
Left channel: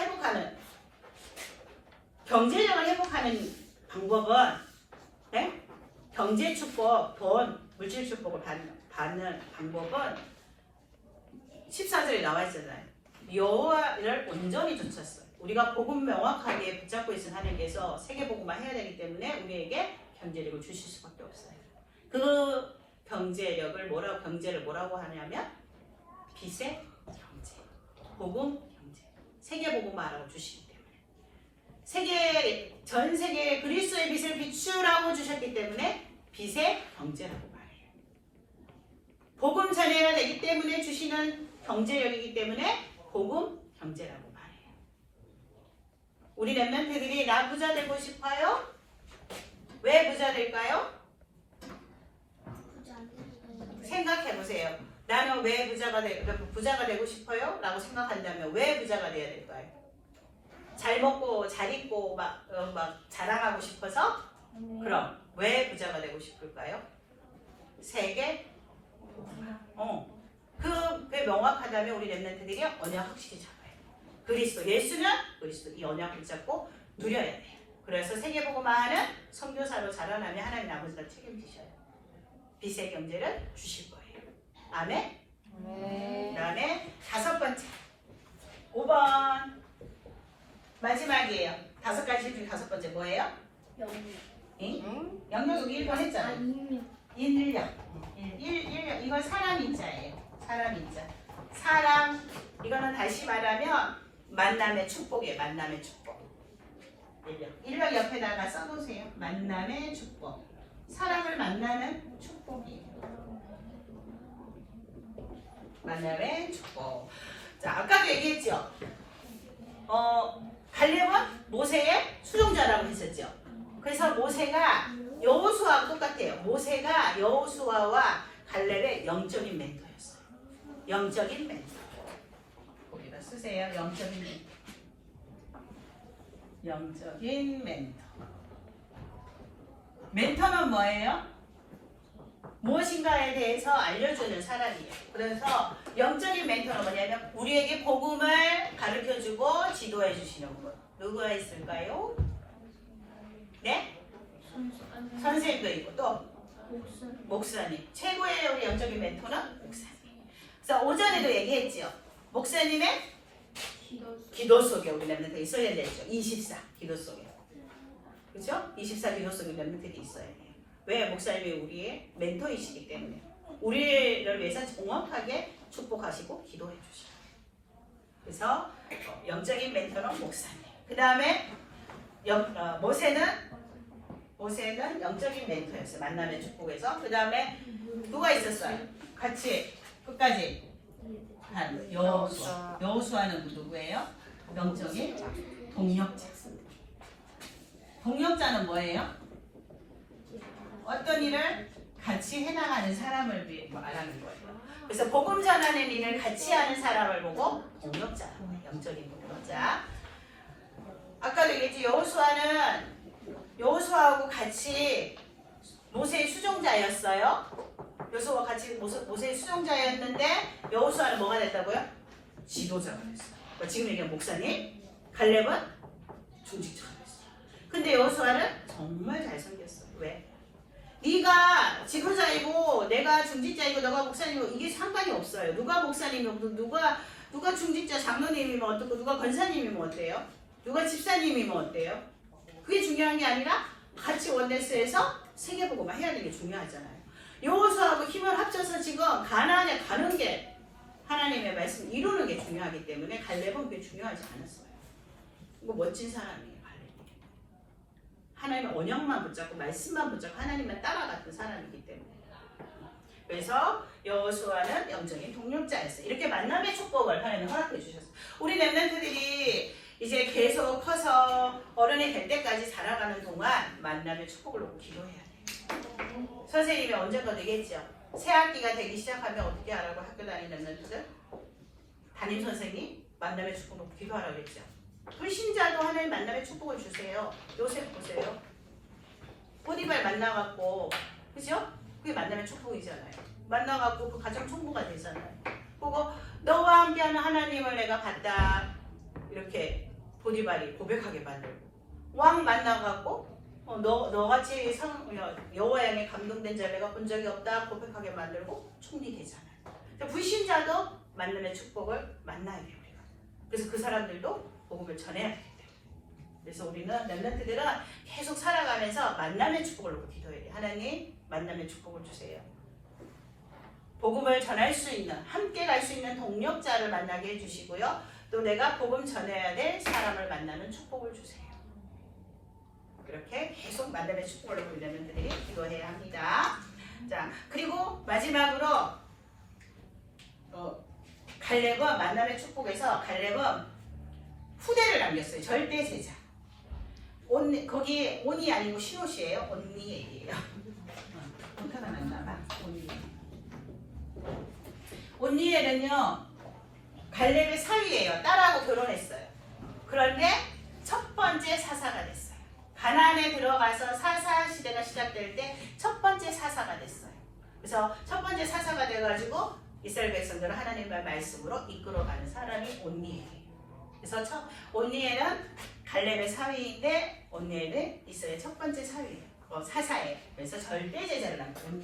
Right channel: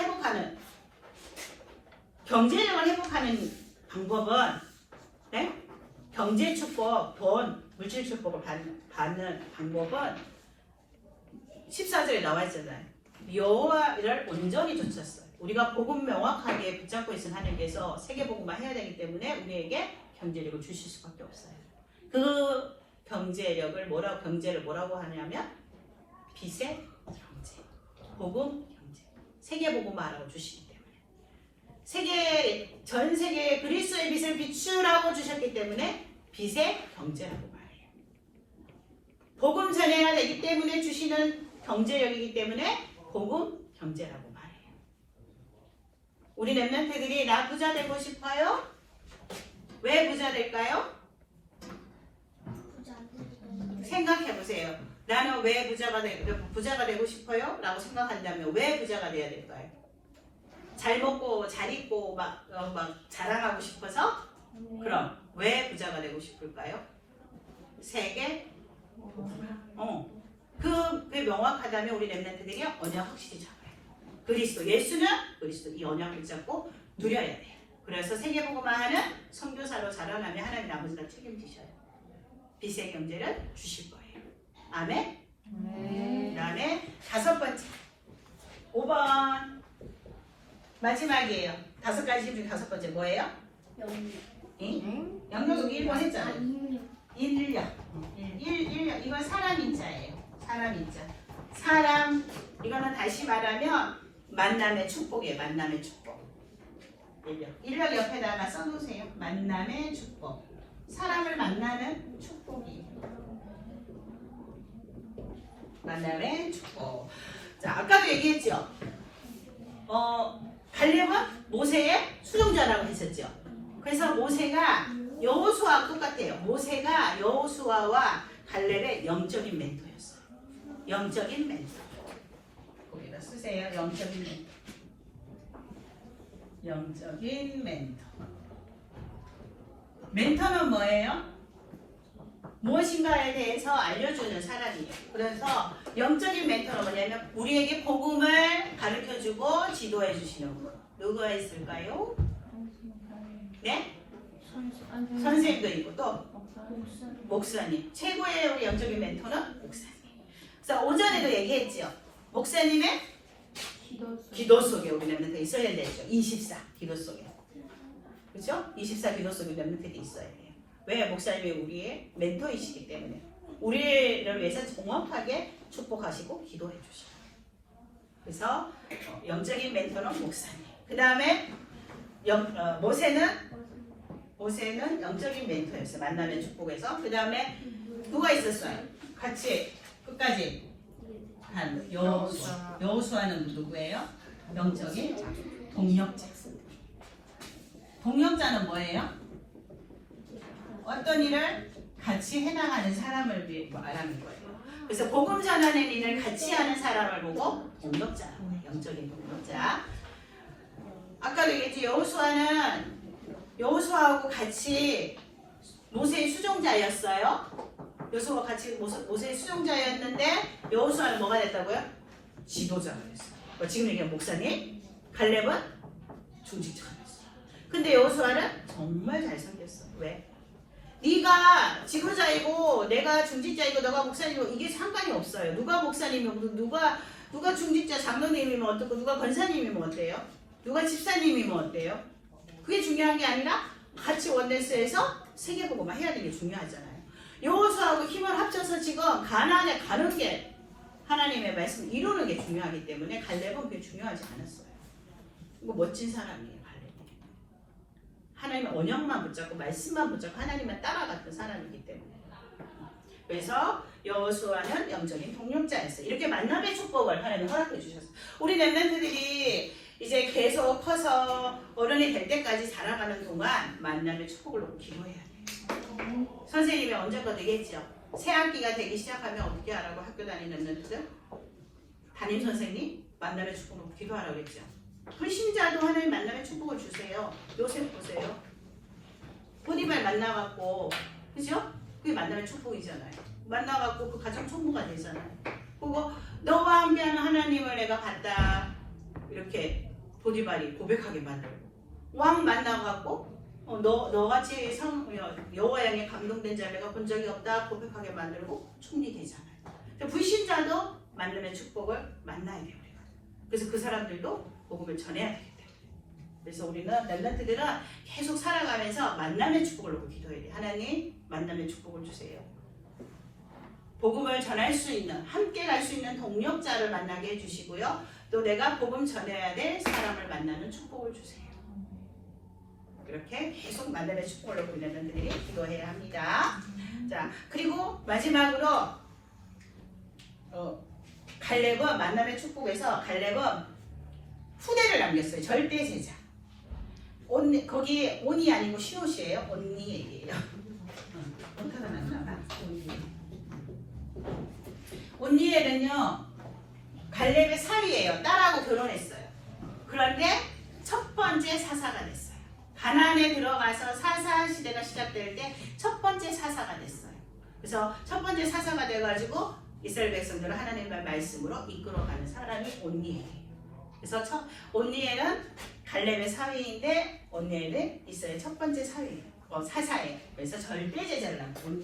회복하는 방법은 경제 축복, 돈, 물질 축복을 받는 방법은 14절에 나와 있잖아요. 여호와를 온전히 쫓았어요. 우리가 복음 명확하게 붙잡고 있는 하나님께서 세계복음만 해야 되기 때문에 우리에게 경제력을 주실 수밖에 없어요. 그 경제를 뭐라고 하냐면 빛의 경제, 복음 경제, 세계복음만하라고 주시기 때문에 전 세계에 그리스도의 빛을 비추라고 주셨기 때문에 빛의 경제라고 말해요. 복음 전해야 되기 때문에 주시는 경제력이기 때문에 복음 경제라고 말해요. 우리 렘넌트들이 나 부자 되고 싶어요? 왜 부자 될까요? 생각해 보세요. 나는 왜 부자가 되고 싶어요? 라고 생각한다면 왜 부자가 돼야 될까요? 잘 먹고 잘 입고 막 자랑하고 싶어서? 그럼 왜 부자가 되고 싶을까요? 세계 그게 명확하다면 우리 렘넌트들이 언약 확실히 잡아요. 예수는 그리스도 이 언약을 잡고 누려야 돼요. 그래서 세계복음화하는 선교사로 자라나면 하나님 아버지가 책임지셔요. 빛의 경제를 주실 거예요. 아멘. 그 다음에 5번째 5번 마지막이에요. 5가지 중에 5번째 뭐예요? 영역 1번 했잖아요. 인력. 이건 사람 인자예요. 사람 인자. 이거는 다시 말하면 만남의 축복이에요. 만남의 축복. 일력 옆에다가 써놓으세요. 만남의 축복. 사람을 만나는 축복이에요. 만남의 축복. 자, 아까도 얘기했죠. 갈렙은 모세의 수종자라고 했었죠. 그래서 모세가 여호수아와 똑같아요. 모세가 여호수아와 갈렙의 영적인 멘토였어요. 영적인 멘토. 거기다 쓰세요. 영적인 멘토. 영적인 멘토. 멘토는 뭐예요? 무엇인가에 대해서 알려주는 사람이에요. 그래서 영적인 멘토는 뭐냐면 우리에게 복음을 가르쳐주고 지도해 주시는 분. 누가 있을까요? 네? 선생님도 있고 또 목사님. 최고의 우리 영적인 멘토는 목사님. 그래서 오전에도 얘기했지요. 목사님의 기도 속에 우리 랩런트가 있어야 되죠. 24 기도 속에. 그렇죠? 24 기도 속에 랩런트가 있어야 돼요. 왜? 목사님이 우리의 멘토이시기 때문에 우리를 위해서 정확하게 축복하시고 기도해 주시고. 그래서 영적인 멘토는 목사님. 그 다음에 모세는 영적인 멘토였어요. 만남의 축복에서. 그 다음에 누가 있었어요? 같이 끝까지 간 여호수아. 여호수아는 누구예요? 영적인 동력자. 동력자는 뭐예요? 어떤 일을 같이 해나가는 사람을 말하는 거예요. 그래서 복음 전하는 일을 같이 하는 사람을 보고 동력자라는 거예요. 영적인 동력자. 아까도 얘기했지. 여호수아하고 같이 모세의 수종자였어요. 여호수아와 같이 모세의 수종자였는데 여호수아는 뭐가 됐다고요? 지도자가 됐어요. 지금 얘기한 목사님, 갈렙은 중직자가 됐어요. 근데 여호수아는 정말 잘생겼어요. 왜? 네가 지도자이고 내가 중직자이고 너가 목사님이고 이게 상관이 없어요. 누가 목사님이고 누가 중직자 장로님이면 어떻고 누가 권사님이면 어때요? 누가 집사님이면 어때요? 그게 중요한 게 아니라 같이 원내스에서 세계보고만 해야 되는 게 중요하잖아요. 여호수아하고 힘을 합쳐서 지금 가나안에 가는 게 하나님의 말씀 이루는 게 중요하기 때문에 갈렙은 그게 중요하지 않았어요. 이거 멋진 사람이에요. 갈렙이. 하나님의 언약만 붙잡고 말씀만 붙잡고 하나님만 따라갔던 사람이기 때문에. 그래서 여호수아는 영적인 동력자였어요. 이렇게 만남의 축복을 하나님 허락해 주셨어요. 우리 렘넌트들이 이제 계속 커서 어른이 될 때까지 살아가는 동안 만남의 축복을 놓고 기도해야 돼요. 선생님이 언제까지 얘기했죠. 새 학기가 되기 시작하면 어떻게 하라고 학교 다니는 렘넌트들? 담임 선생님 만남의 축복을 놓고 기도하라고 그랬죠. 불신자도 하나님 만남의 축복을 주세요. 요셉 보세요. 보디발 만나갖고 그죠? 그게 만남의 축복이잖아요. 만나갖고 그 가장 총무가 되잖아요. 그거 너와 함께하는 하나님을 내가 봤다. 이렇게 보디발이 고백하게 만들고 왕 만나갖고 너같이 여호와 향에 감동된 자를 내가 본 적이 없다 고백하게 만들고 총리 되잖아요. 불신자도 만남의 축복을 만나야 돼요. 그래서 그 사람들도 복음을 전해야 돼요. 그래서 우리는 렘넌트들은 계속 살아가면서 만남의 축복을 놓고 기도해야 돼요. 하나님 만남의 축복을 주세요. 복음을 전할 수 있는 함께 갈 수 있는 동력자를 만나게 해주시고요. 또 내가 복음 전해야 될 사람을 만나는 축복을 주세요. 그렇게 계속 만남의 축복을 놓고 렘넌트들이 기도해야 합니다. 자, 그리고 마지막으로 갈렙은 만남의 축복에서 갈렙은 후대를 남겼어요. 절대 제자. 거기 온이 아니고 시옷이에요. 온니 얘기예요. 어떻게 만나나? 온니엘은요 갈렙의 사위예요. 딸하고 결혼했어요. 그런데 첫 번째 사사가 됐어요. 가나안에 들어가서 사사 시대가 시작될 때 첫 번째 사사가 됐어요. 그래서 첫 번째 사사가 돼가지고 이스라엘 백성들을 하나님의 말씀으로 이끌어가는 사람이 온니엘이에요. 그래서 온니엘은 갈렙의 사위인데 온니엘은 이스라엘 첫 번째 사위예요. 사사예요. 그래서 절대 제자를 낳고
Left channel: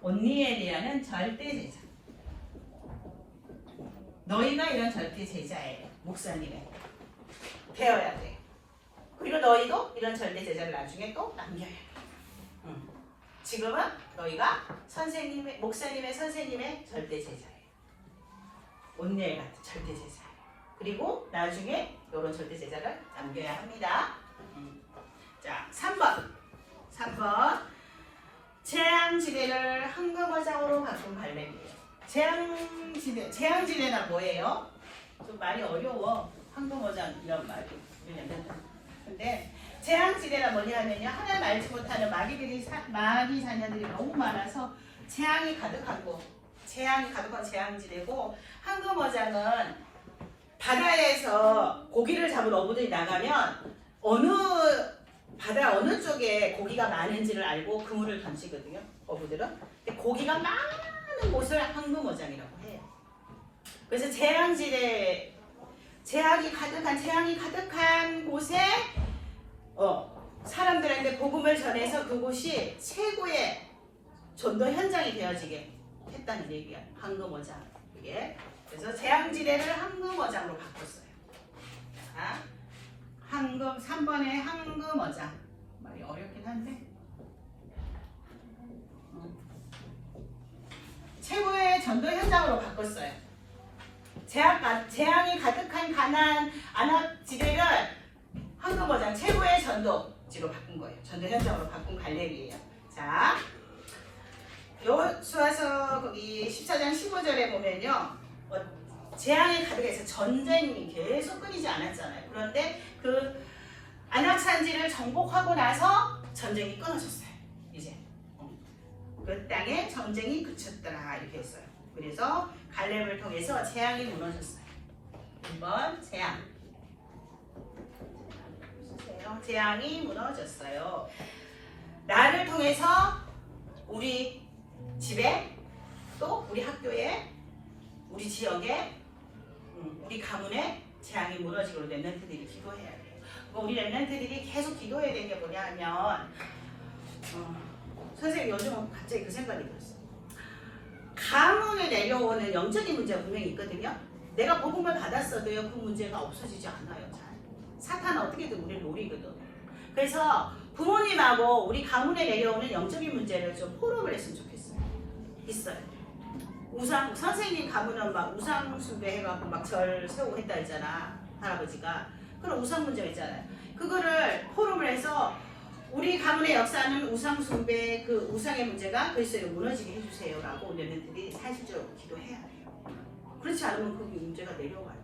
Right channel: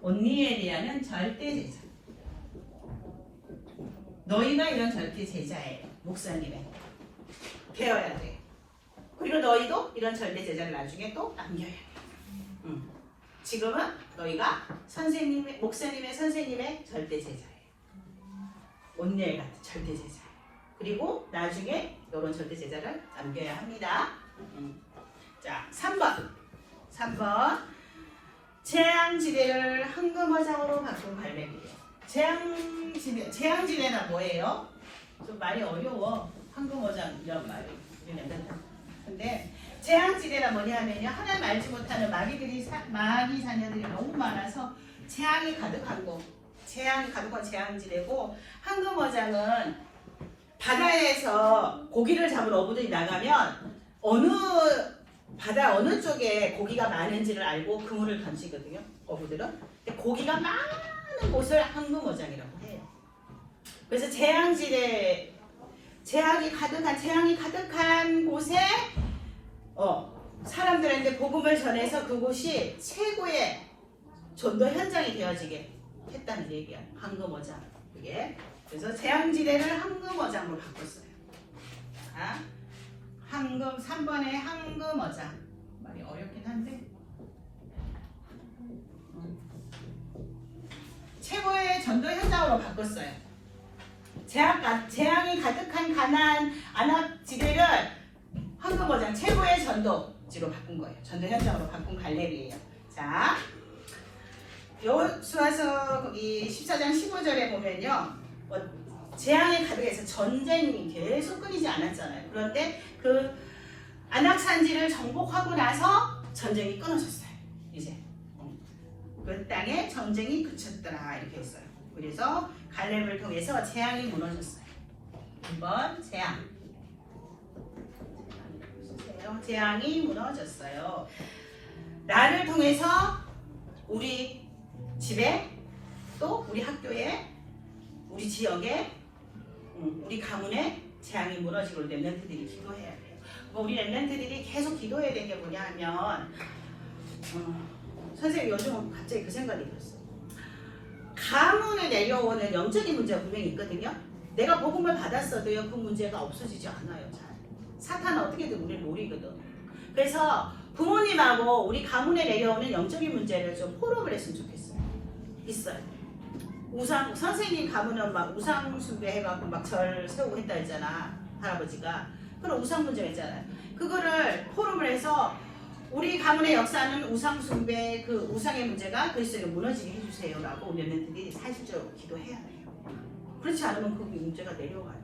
온니엘이라는 절대 제자. 너희가 이런 절대 제자예요. 목사님의 되어야 돼. 그리고 너희도 이런 절대 제자를 나중에 또 남겨야 돼. 지금은 너희가 목사님의 선생님의 절대 제자예요. 온니엘 같은 절대 제자예요. 그리고 나중에 이런 절대 제자를 남겨야 합니다. 자, 3번. 재앙지대를 황금어장으로 바꾼 갈매기예요. 재앙지대는 뭐예요? 좀 말이 어려워. 황금어장 이런 말이. 근데 재앙지대가 뭐냐면요. 하나 알지 못하는 마귀 자녀들이 너무 많아서 재앙이 가득한 곳. 재앙이 가득한 재앙지대고, 황금어장은 바다에서 고기를 잡으러 어부들이 나가면 바다 어느 쪽에 고기가 많은지를 알고 그물을 던지거든요. 어부들은. 근데 고기가 많은 곳을 황금어장이라고 해요. 그래서 재앙지대, 재앙이 가득한 곳에 사람들한테 복음을 전해서 그곳이 최고의 전도 현장이 되어지게 했다는 얘기야. 황금어장. 그게. 그래서 재앙지대를 황금어장으로 바꿨어요. 자, 3번에 황금어장. 말이 어렵긴 한데. 최고의 전도 현장으로 바꿨어요. 재앙이 가득한 가나안 안악지대를 황금어장 최고의 전도지로 바꾼 거예요. 전도 현장으로 바꾼 갈렙이에요. 자, 여호수아서 거기 14장 15절에 보면요. 재앙이 가득해서 전쟁이 계속 끊이지 않았잖아요. 그런데 그 안악산지를 정복하고 나서 전쟁이 끊어졌어요. 이제 그 땅에 전쟁이 그쳤더라 이렇게 했어요. 그래서 갈렙을 통해서 재앙이 무너졌어요. 1번 재앙이 무너졌어요. 나를 통해서 우리 집에 또 우리 학교에 우리 지역에 우리 가문에 재앙이 무너지고 렘넌트들이 기도해야 돼요. 우리 렘넌트들이 계속 기도해야 되는 게 뭐냐 하면 선생님 요즘 갑자기 그 생각이 들었어요. 가문에 내려오는 영적인 문제가 분명히 있거든요. 내가 복음을 받았어도요 그 문제가 없어지지 않아요. 잘. 사탄은 어떻게든 우리를 노리거든. 그래서 부모님하고 우리 가문에 내려오는 영적인 문제를 좀 포럼을 했으면 좋겠어요. 있어요. 선생님 가문은 막 우상 숭배해갖고 막 절 세우고 했다 했잖아. 할아버지가. 그런 우상 문제가 있잖아요. 그거를 포럼을 해서 우리 가문의 역사는 우상 숭배, 그 우상의 문제가 그리스도로 무너지게 해주세요 라고 렘넌트들이 사실적으로 기도해야 돼요. 그렇지 않으면 그 문제가 내려가요.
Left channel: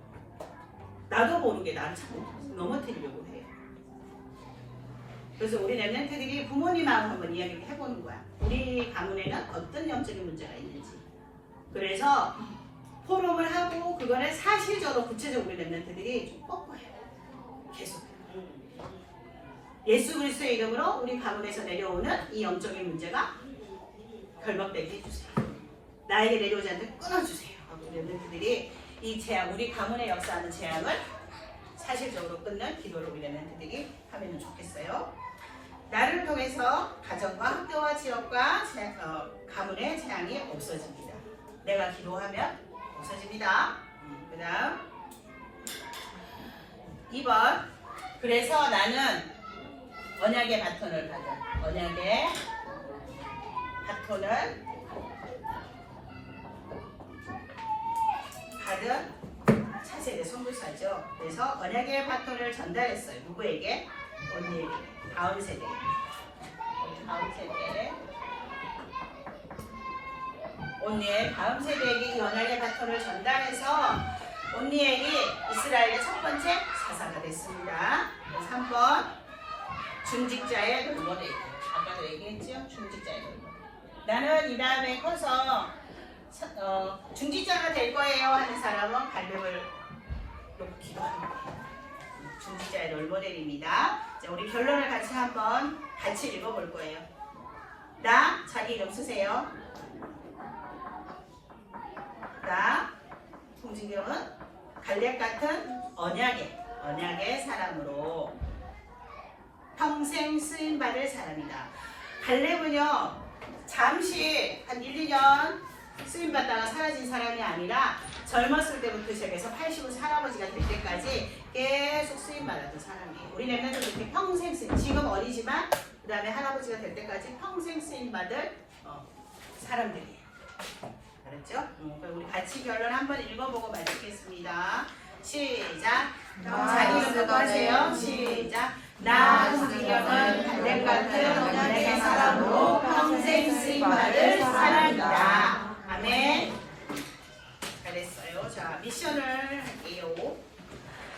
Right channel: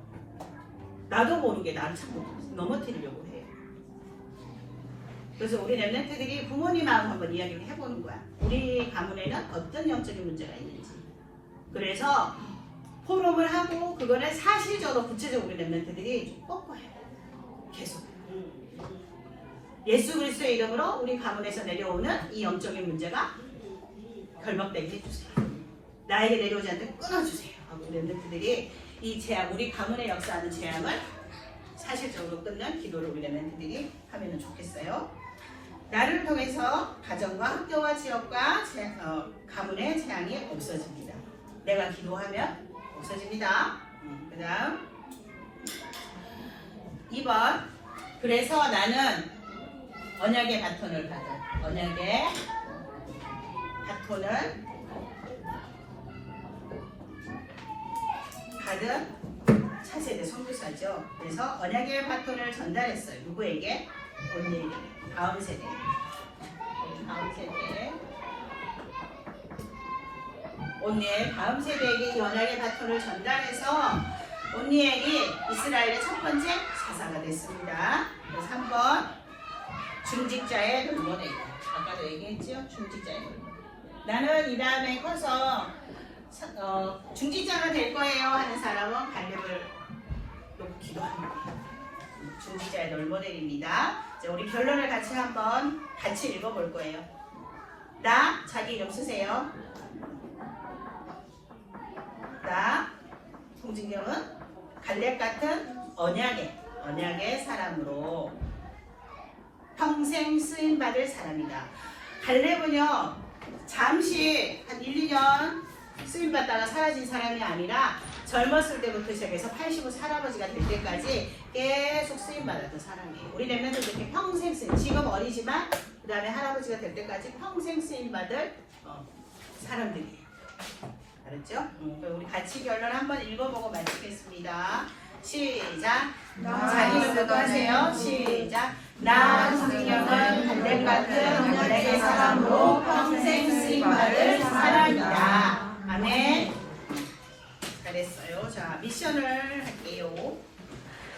나도 모르게 나를 자꾸 넘어뜨리려고 해요. 그래서 우리 렘넌트들이 부모님하고 한번 이야기를 해보는 거야. 우리 가문에는 어떤 영적인 문제가 있는지. 그래서 포럼을 하고 그거를 사실적으로 구체적으로 우리 렘넌트들이 좀 뽀뽀해요. 계속. 예수 그리스도의 이름으로 우리 가문에서 내려오는 이 영적인 문제가 결박되게 해주세요. 나에게 내려오지 않도록 끊어주세요. 하고 우리 렘넌트들이 이 재앙, 우리 가문에 역사하는 재앙을 사실적으로 끊는 기도를 우리 렘넌트들이 하면 좋겠어요. 나를 통해서 가정과 학교와 지역과 가문의 재앙이 없어집니다. 내가 기도하면 없어집니다. 그 다음 2번 그래서 나는 언약의 바톤을 받은 언약의 바톤을 받은 차세대 선교사죠. 그래서 언약의 바톤을 전달했어요. 누구에게? 언니 다음 세대. 언니의 다음 세대에게 이 언약의 바톤을 전달해서 언니엘이 이스라엘의 첫 번째 사사가 됐습니다. 3번 중직자의 돌보내. 아까도 얘기했죠? 중직자의 돌보내. 나는 이 다음에 커서 중직자가 될 거예요 하는 사람은 갈렙을 놓기도 합니다. 중직자의 롤모델입니다. 우리 결론을 같이 읽어볼 거예요. 나 자기 이름 쓰세요. 나 송진경은 갈렙 같은 언약의 사람으로 평생 쓰임 받을 사람이다. 갈렙은요 잠시 한 1, 2년 쓰임 받다가 사라진 사람이 아니라 젊었을 때부터 시작해서 80은 할아버지가 될 때까지 계속 쓰임 받았던 사람이에요. 우리 렘넌트도 이렇게 평생 쓰임, 지금 어리지만 그 다음에 할아버지가 될 때까지 평생 쓰임 받을 사람들이에요. 알았죠? 우리 같이 결론 한번 읽어보고 마치겠습니다. 시작. 자기 이름부터 하세요. 시작. 나 성경은 담백 같은 담백의 사람으로 평생 쓰임받을 사람이다. 아멘. 잘했어요. 자, 미션을 할게요.